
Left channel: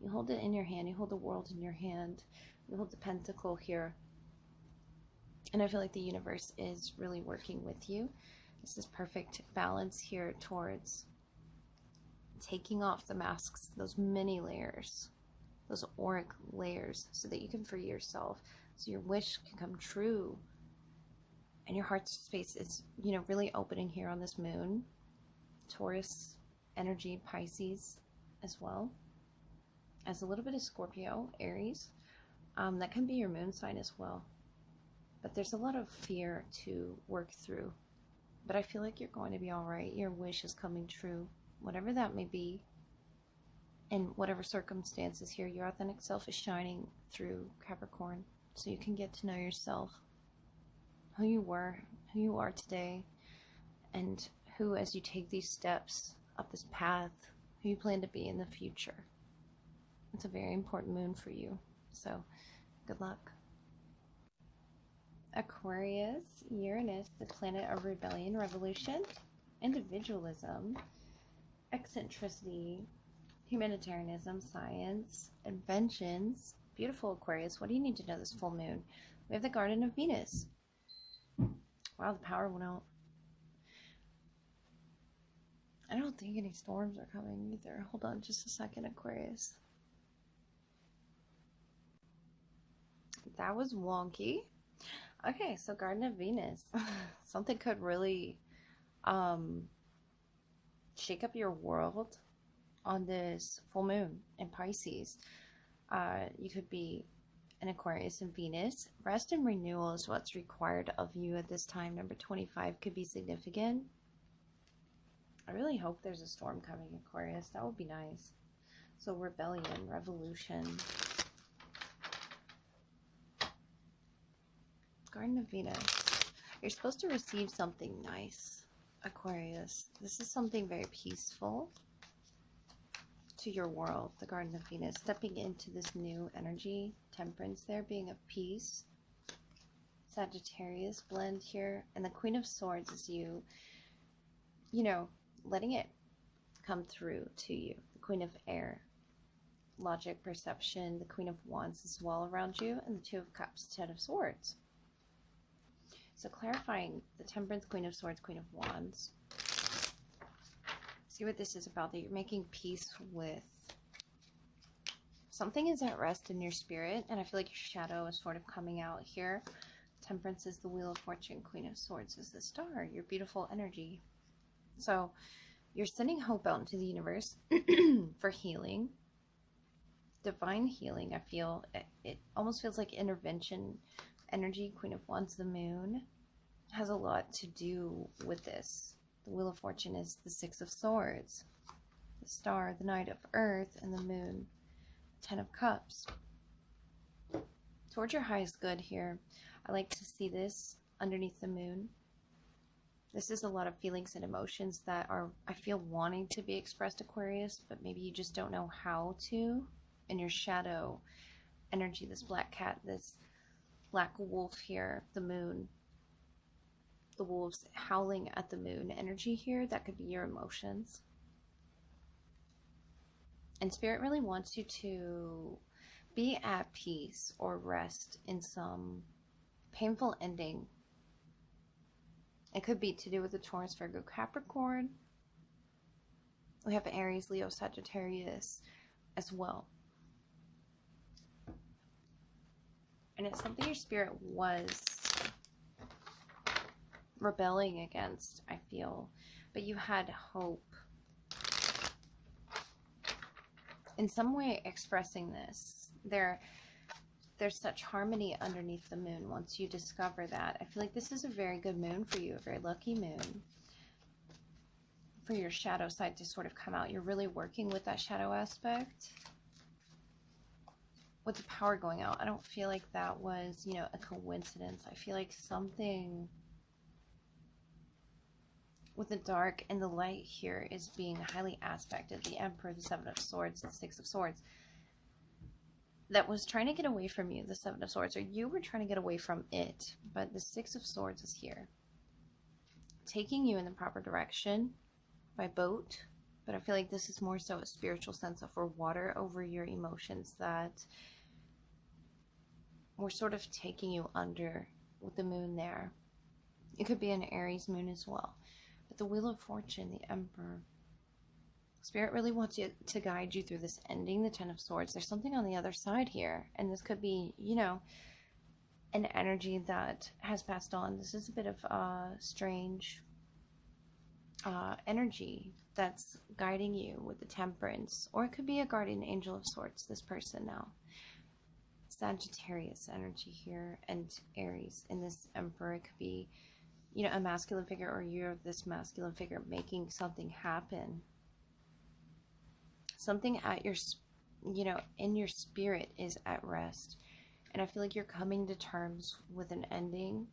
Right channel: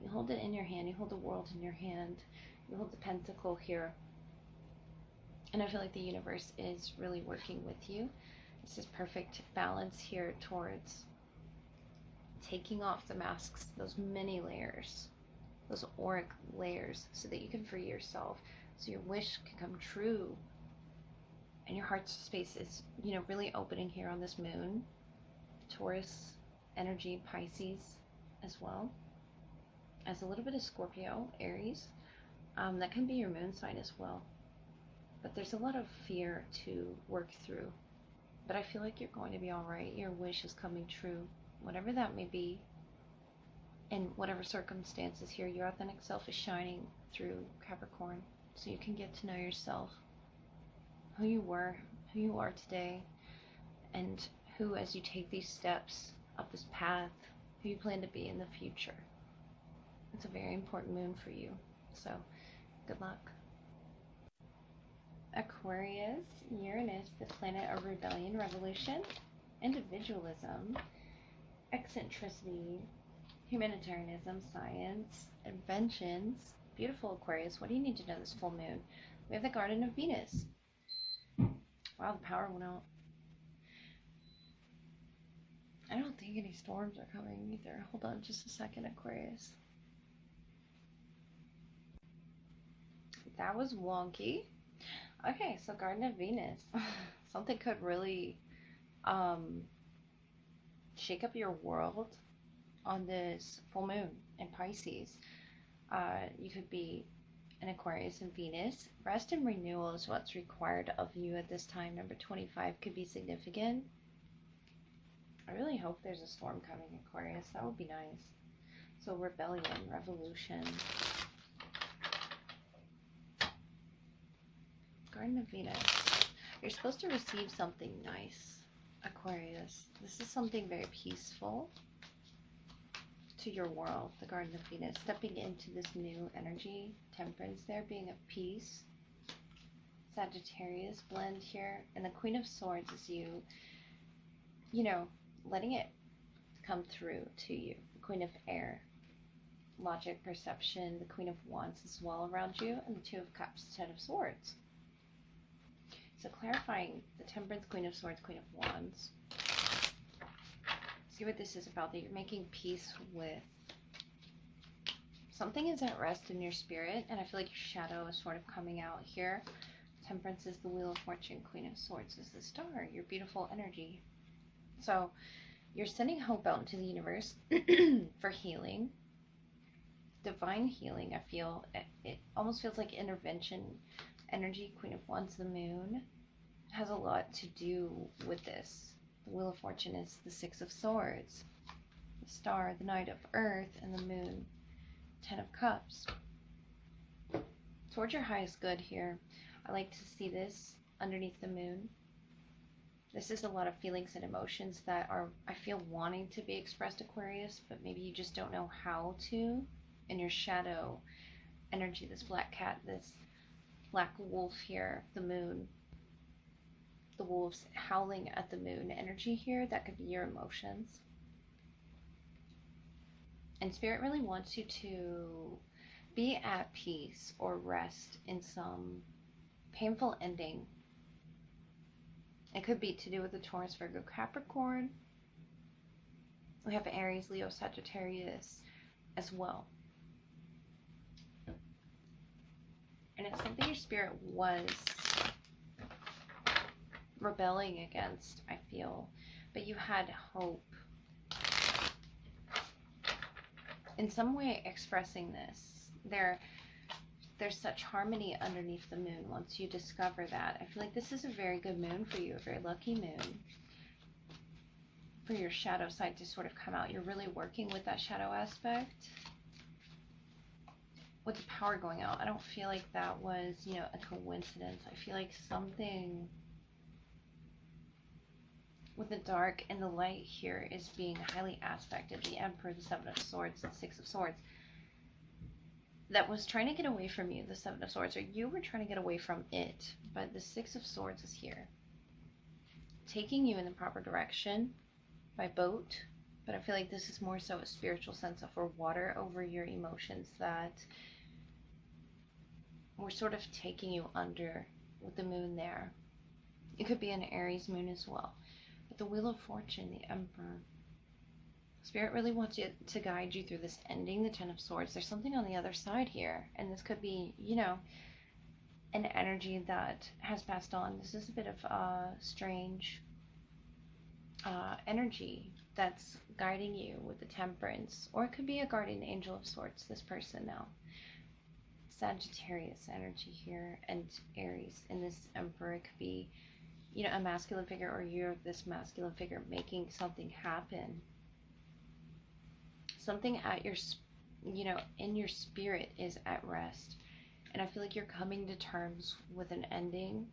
You hold it in your hand. You hold the world in your hand. You hold the pentacle here. And I feel like the universe is really working with you. This is perfect balance here towards taking off the masks, those many layers, those auric layers, so that you can free yourself, so your wish can come true. And your heart space is, you know, really opening here on this moon. Taurus energy, Pisces as well, as a little bit of Scorpio, Aries. That can be your moon sign as well. But there's a lot of fear to work through. But I feel like you're going to be all right. Your wish is coming true, whatever that may be. In whatever circumstances here, your authentic self is shining through, Capricorn. So you can get to know yourself, who you were, who you are today, and who, as you take these steps up this path, who you plan to be in the future. It's a very important moon for you. So good luck. Aquarius, Uranus, the planet of rebellion, revolution, individualism, eccentricity, humanitarianism, science, inventions. Beautiful, Aquarius. What do you need to know this full moon? We have the Garden of Venus. Wow, the power went out. I don't think any storms are coming either. Hold on just a second, Aquarius. That was wonky. Okay, so Garden of Venus. Something could really shake up your world on this full moon in Pisces. You could be an Aquarius and Venus. Rest and renewal is what's required of you at this time. Number 25 could be significant. I really hope there's a storm coming, Aquarius. That would be nice. So rebellion, revolution. Garden of Venus. You're supposed to receive something nice, Aquarius. This is something very peaceful to your world, the Garden of Venus. Stepping into this new energy. Temperance there, being of peace. Sagittarius blend here. And the Queen of Swords is you know, letting it come through to you. The Queen of Air. Logic, perception. The Queen of Wands as well around you. And the Two of Cups, Ten of Swords. So clarifying the Temperance, Queen of Swords, Queen of Wands. See what this is about, that you're making peace with. Something is at rest in your spirit, and I feel like your shadow is sort of coming out here. Temperance is the Wheel of Fortune, Queen of Swords is the Star, your beautiful energy. So you're sending hope out into the universe for healing. Divine healing, I feel. It almost feels like intervention energy. Queen of Wands, the moon, has a lot to do with this. The Wheel of Fortune is the Six of Swords, the Star, the Knight of Earth, and the moon, Ten of Cups. Towards your highest good here. I like to see this underneath the moon. This is a lot of feelings and emotions that are, I feel, wanting to be expressed, Aquarius, but maybe you just don't know how to. And your shadow energy, this black cat, this black wolf here, the moon, the wolves howling at the moon energy here, that could be your emotions. And Spirit really wants you to be at peace or rest in some painful ending. It could be to do with the Taurus, Virgo, Capricorn. We have Aries, Leo, Sagittarius as well. And it's something your spirit was rebelling against, I feel. But you had hope. In some way expressing this. There's such harmony underneath the moon once you discover that. I feel like this is a very good moon for you, a very lucky moon. For your shadow side to sort of come out. You're really working with that shadow aspect. With the power going out, I don't feel like that was, you know, a coincidence. I feel like something with the dark and the light here is being highly aspected. The Emperor, the Seven of Swords, the Six of Swords. That was trying to get away from you, the Seven of Swords, or you were trying to get away from it. But the Six of Swords is here. Taking you in the proper direction by boat. But I feel like this is more so a spiritual sense of for water over your emotions that we're sort of taking you under with the moon there. It could be an Aries moon as well. But the Wheel of Fortune, the Emperor. Spirit really wants you to guide you through this ending, the Ten of Swords. There's something on the other side here. And this could be, you know, an energy that has passed on. This is a bit of a strange energy that's guiding you with the Temperance. Or it could be a guardian angel of sorts, this person now. Sagittarius energy here, and Aries in this Emperor. It could be, you know, a masculine figure, or you're this masculine figure making something happen. Something at your, you know, in your spirit is at rest. And I feel like you're coming to terms with an ending,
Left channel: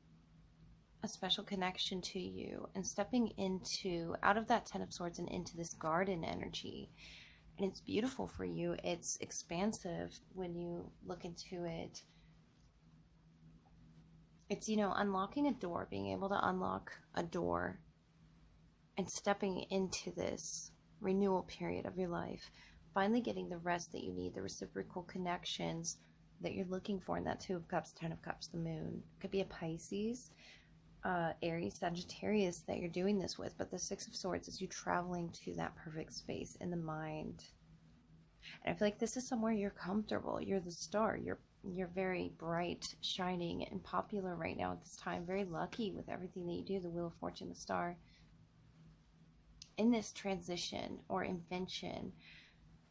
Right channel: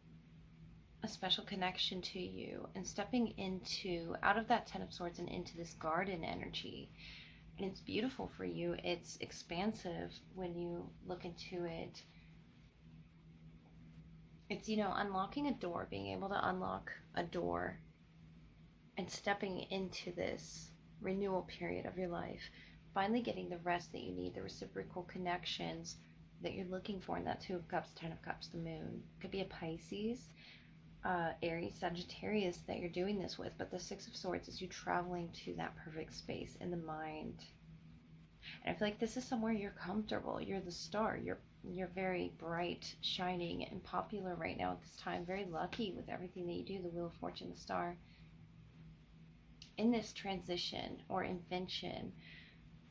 a special connection to you, and stepping into, out of that Ten of Swords and into this garden energy. And it's beautiful for you. It's expansive when you look into it. It's, you know, unlocking a door, being able to unlock a door and stepping into this renewal period of your life. Finally getting the rest that you need, the reciprocal connections that you're looking for in that Two of Cups, Ten of Cups, the moon. It could be a Pisces, Aries, Sagittarius that you're doing this with, but the Six of Swords is you traveling to that perfect space in the mind. And I feel like this is somewhere you're comfortable. You're the star. You're very bright, shining, and popular right now at this time. Very lucky with everything that you do, the Wheel of Fortune, the star. In this transition or invention,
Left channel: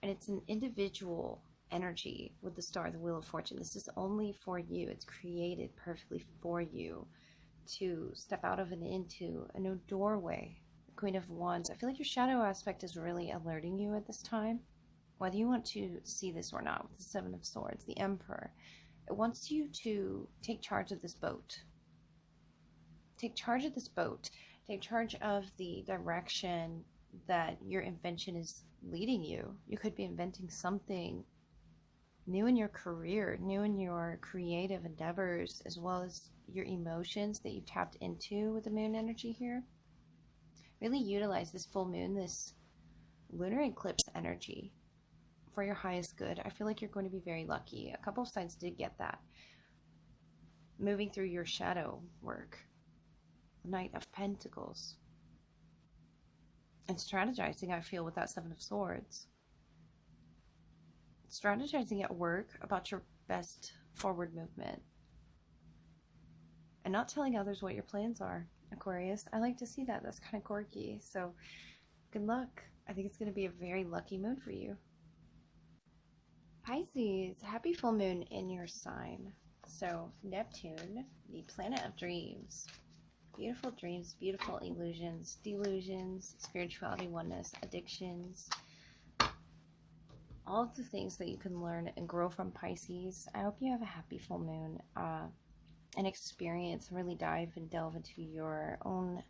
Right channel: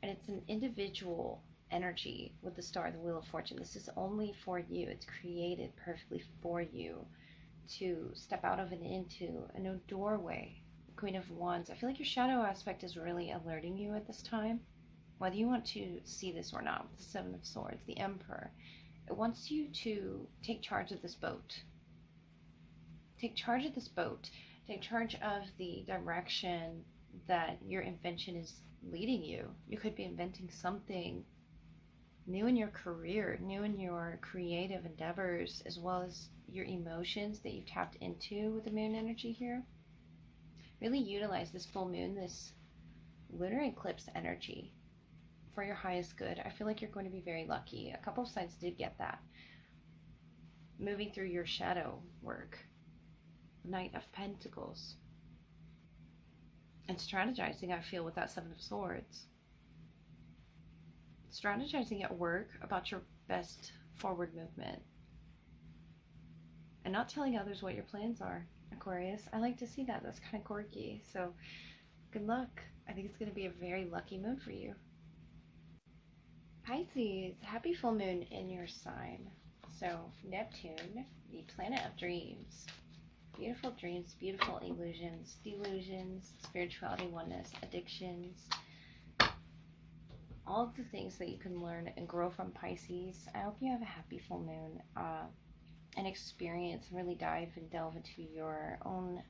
and it's an individual energy with the star, the Wheel of Fortune. This is only for you. It's created perfectly for you to step out of and into a new doorway. Queen of Wands. I feel like your shadow aspect is really alerting you at this time, whether you want to see this or not. With the Seven of Swords, the Emperor, it wants you to take charge of this boat. Take charge of this boat. Take charge of the direction that your invention is leading you. You could be inventing something new in your career, new in your creative endeavors, as well as your emotions that you've tapped into with the moon energy here. Really utilize this full moon, this lunar eclipse energy for your highest good. I feel like you're going to be very lucky. A couple of signs did get that. Moving through your shadow work. Knight of Pentacles. And strategizing, I feel, with that Seven of Swords. Strategizing at work about your best forward movement. And not telling others what your plans are, Aquarius. I like to see that. That's kind of quirky. So, good luck. I think it's going to be a very lucky moon for you. Pisces, happy full moon in your sign. So, Neptune, the planet of dreams. Beautiful dreams, beautiful illusions, delusions, spirituality, oneness, addictions. All of the things that you can learn and grow from, Pisces. I hope you have a happy full moon and experience, really dive and delve into your own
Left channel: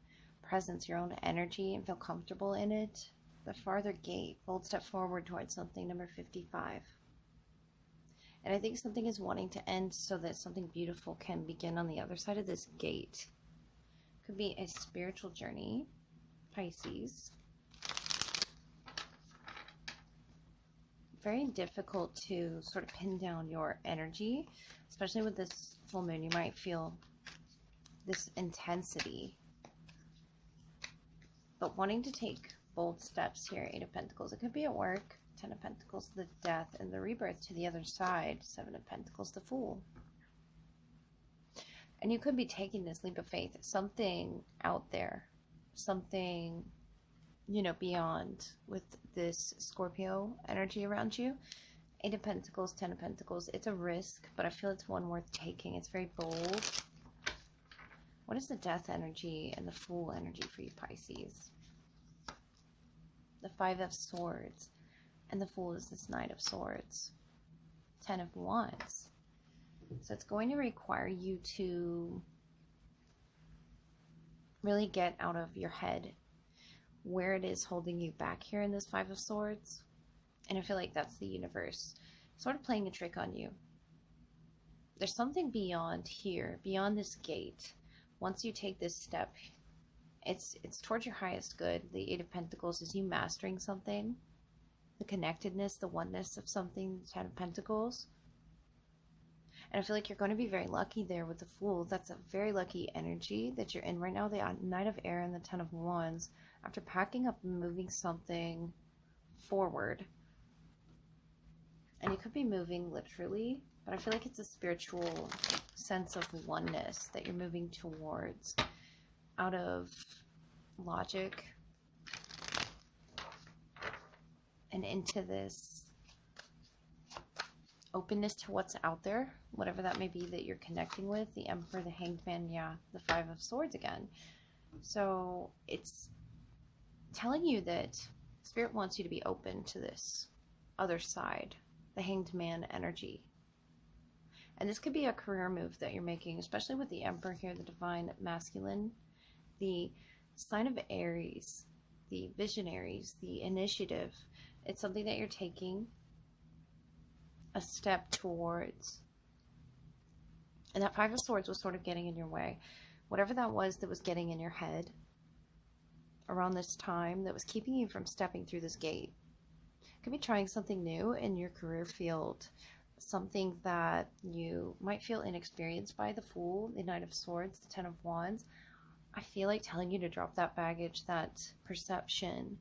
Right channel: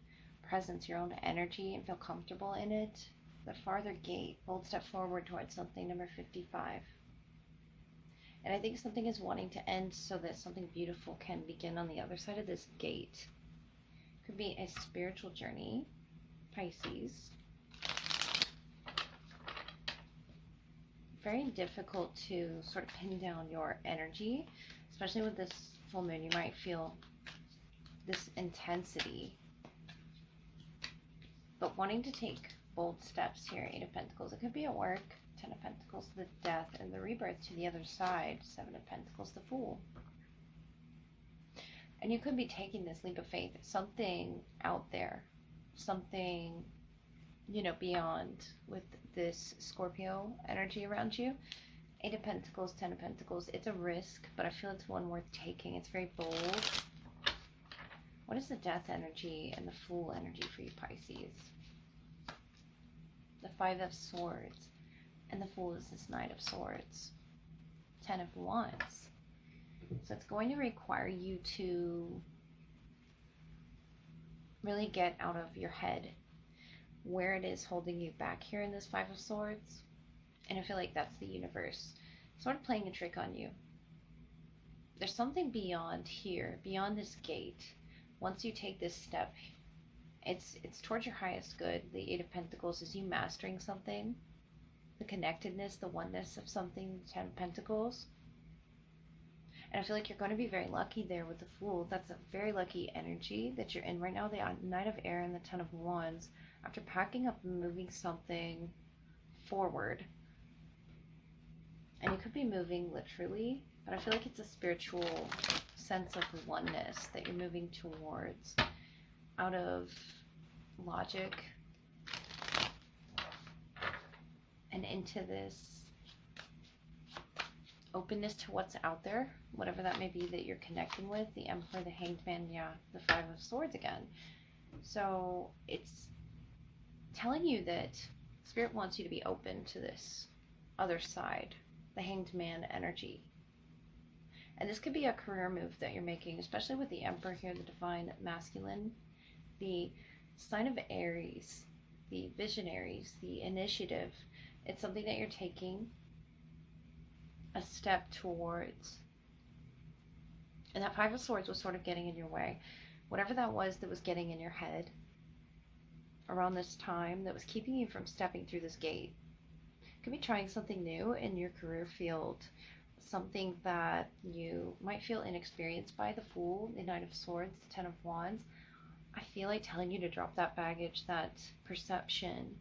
presence, your own energy, and feel comfortable in it. The farther gate, bold step forward towards something, number 55. And I think something is wanting to end so that something beautiful can begin on the other side of this gate. Could be a spiritual journey, Pisces. Very difficult to sort of pin down your energy, especially with this full moon. You might feel this intensity, but wanting to take bold steps here. Eight of Pentacles. It could be at work. Ten of Pentacles, the death and the rebirth to the other side. Seven of Pentacles, the Fool. And you could be taking this leap of faith, something out there, something, you know, beyond with this Scorpio energy around you. Eight of Pentacles, Ten of Pentacles. It's a risk, but I feel it's one worth taking. It's very bold. What is the Death energy and the Fool energy for you, Pisces? The Five of Swords. And the Fool is this Knight of Swords. Ten of Wands. So it's going to require you to really get out of your head where it is holding you back here in this Five of Swords. And I feel like that's the universe sort of playing a trick on you. There's something beyond here, beyond this gate. Once you take this step, it's towards your highest good. The Eight of Pentacles is you mastering something, the connectedness, the oneness of something, the Ten of Pentacles. And I feel like you're going to be very lucky there with the Fool. That's a very lucky energy that you're in right now. The Knight of Air and the Ten of Wands. After packing up and moving something forward. And you could be moving literally, but I feel like it's a spiritual sense of oneness that you're moving towards. Out of logic. And into this openness to what's out there, whatever that may be that you're connecting with. The Emperor, the Hanged Man, yeah, the Five of Swords again. So it's telling you that Spirit wants you to be open to this other side, the Hanged Man energy. And this could be a career move that you're making, especially with the Emperor here, the Divine Masculine, the sign of Aries, the Visionaries, the Initiative. It's something that you're taking a step towards. And that Five of Swords was sort of getting in your way. Whatever that was getting in your head around this time that was keeping you from stepping through this gate. Could be trying something new in your career field. Something that you might feel inexperienced by. The Fool, the Knight of Swords, the Ten of Wands. I feel like telling you to drop that baggage, that perception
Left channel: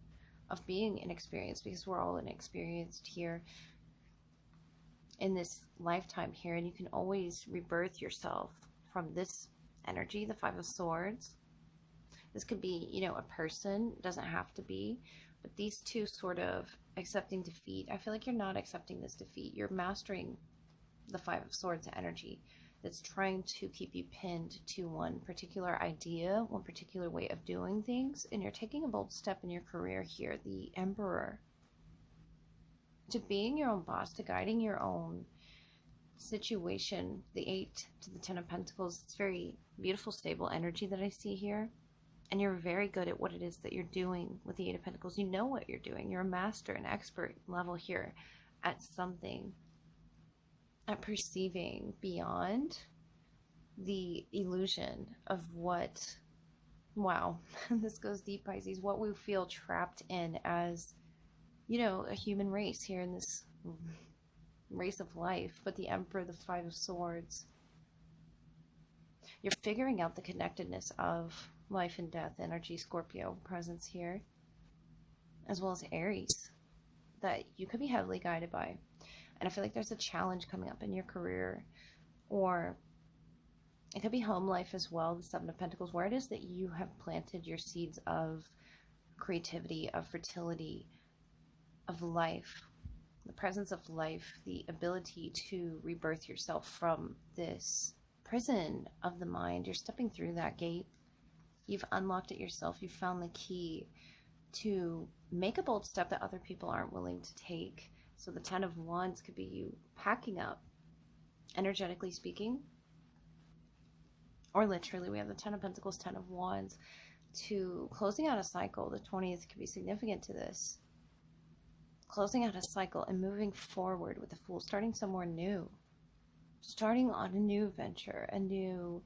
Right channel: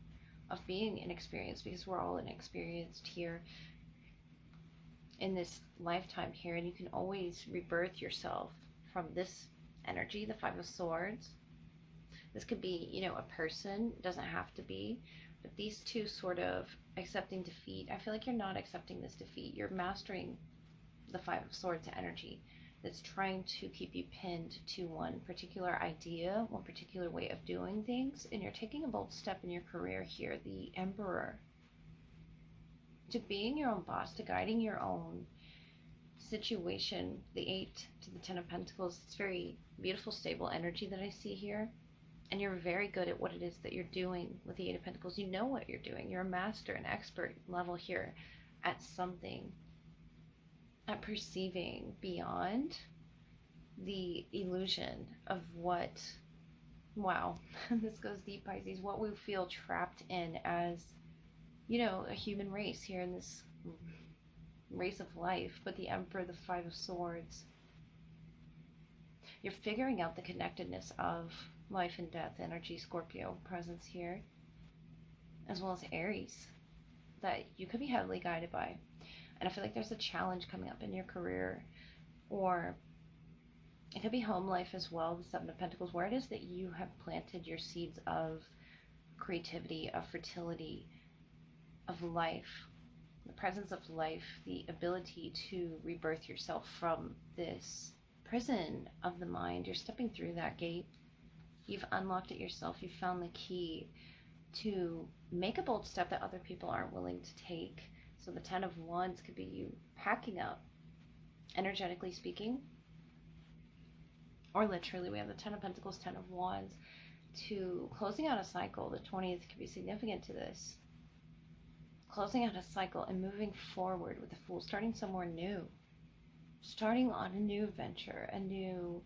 of being inexperienced, because we're all inexperienced here in this lifetime here, and you can always rebirth yourself from this energy, the Five of Swords. This could be, you know, a person, it doesn't have to be, but these two sort of accepting defeat. I feel like you're not accepting this defeat. You're mastering the Five of Swords energy that's trying to keep you pinned to one particular idea, one particular way of doing things, and you're taking a bold step in your career here, the Emperor, to being your own boss, to guiding your own situation. The Eight to the Ten of Pentacles, it's very beautiful, stable energy that I see here. And you're very good at what it is that you're doing with the Eight of Pentacles. You know what you're doing. You're a master, an expert level here at something, at perceiving beyond the illusion of what, wow, this goes deep, Pisces, what we feel trapped in as, you know, a human race here in this race of life. But the Emperor, the Five of Swords, you're figuring out the connectedness of life and death energy, Scorpio presence here, as well as Aries, that you could be heavily guided by. And I feel like there's a challenge coming up in your career, or it could be home life as well, the Seven of Pentacles, where it is that you have planted your seeds of creativity, of fertility, of life, the presence of life, the ability to rebirth yourself from this prison of the mind. You're stepping through that gate. You've unlocked it yourself. You've found the key to make a bold step that other people aren't willing to take. So the Ten of Wands could be you packing up, energetically speaking, or literally. We have the Ten of Pentacles, Ten of Wands, to closing out a cycle. The 20th could be significant to this. Closing out a cycle and moving forward with the Fool, starting somewhere new, starting on a new venture, a new,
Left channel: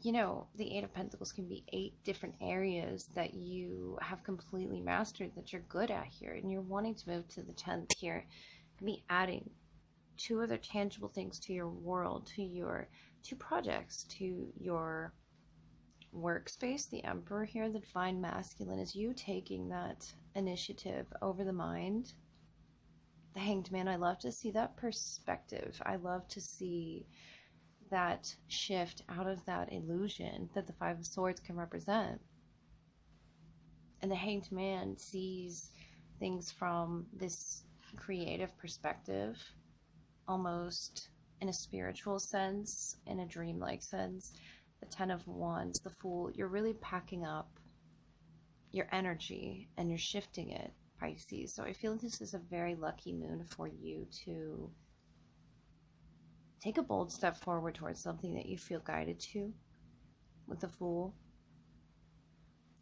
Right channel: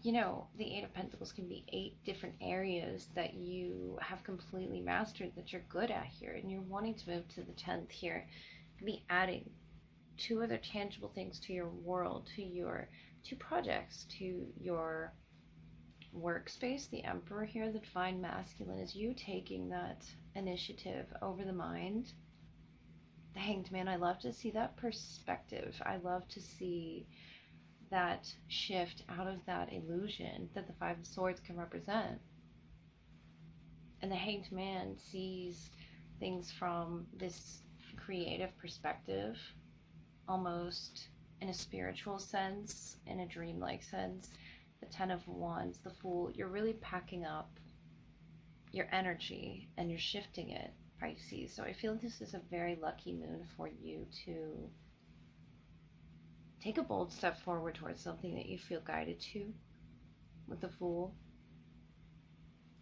you know, the Eight of Pentacles can be 8 different areas that you have completely mastered, that you're good at here, and you're wanting to move to the 10th here. It can be adding 2 other tangible things to your world, to your 2 projects, to your workspace. The Emperor here, the Divine Masculine, is you taking that initiative over the mind. The Hanged Man, I love to see that perspective. I love to see that shift out of that illusion that the Five of Swords can represent. And the Hanged Man sees things from this creative perspective, almost in a spiritual sense, in a dreamlike sense. The Ten of Wands, the Fool, you're really packing up your energy and you're shifting it, Pisces. So I feel this is a very lucky moon for you to take a bold step forward towards something that you feel guided to. With the Fool,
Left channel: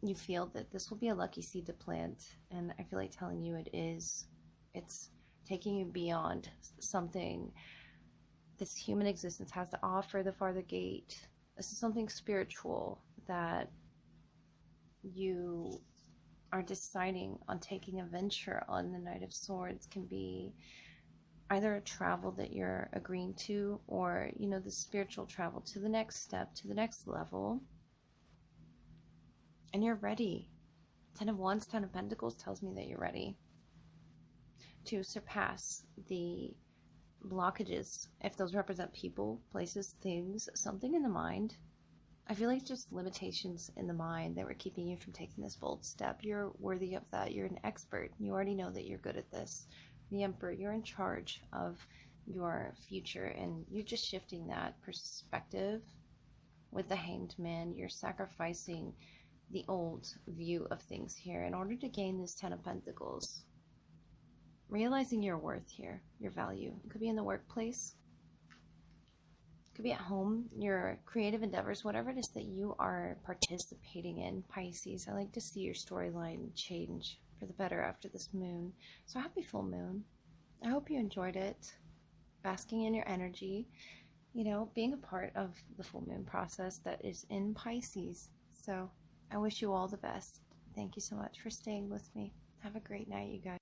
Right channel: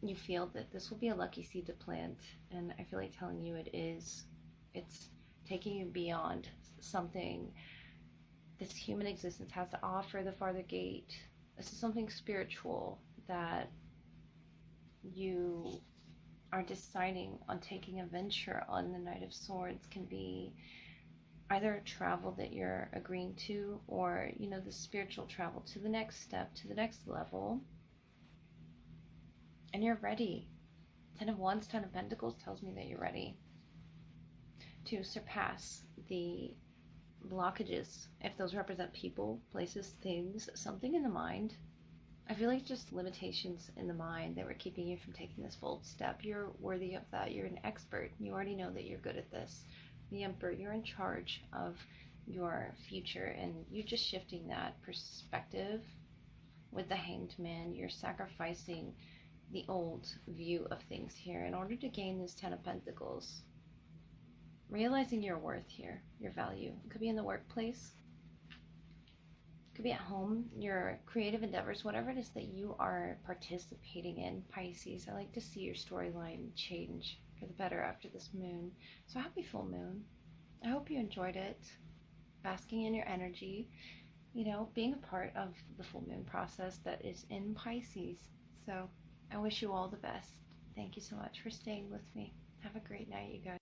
you feel that this will be a lucky seed to plant, and I feel like telling you it is. It's taking you beyond something this human existence has to offer, the farther gate. This is something spiritual that you are deciding on taking a venture on. The Knight of Swords can be either a travel that you're agreeing to, or, you know, the spiritual travel to the next step, to the next level. And you're ready. Ten of Wands, Ten of Pentacles tells me that you're ready to surpass the blockages, if those represent people, places, things, something in the mind. I feel like just limitations in the mind that were keeping you from taking this bold step. You're worthy of that. You're an expert. You already know that you're good at this. The Emperor, you're in charge of your future, and you're just shifting that perspective. With the Hanged Man, you're sacrificing the old view of things here in order to gain this Ten of Pentacles. Realizing your worth here, your value. It could be in the workplace, it could be at home, your creative endeavors, whatever it is that you are participating in, Pisces. I like to see your storyline change for the better after this moon. So happy full moon. I hope you enjoyed it, basking in your energy, you know, being a part of the full moon process that is in Pisces. So I wish you all the best. Thank you so much for staying with me. Have a great night, you guys.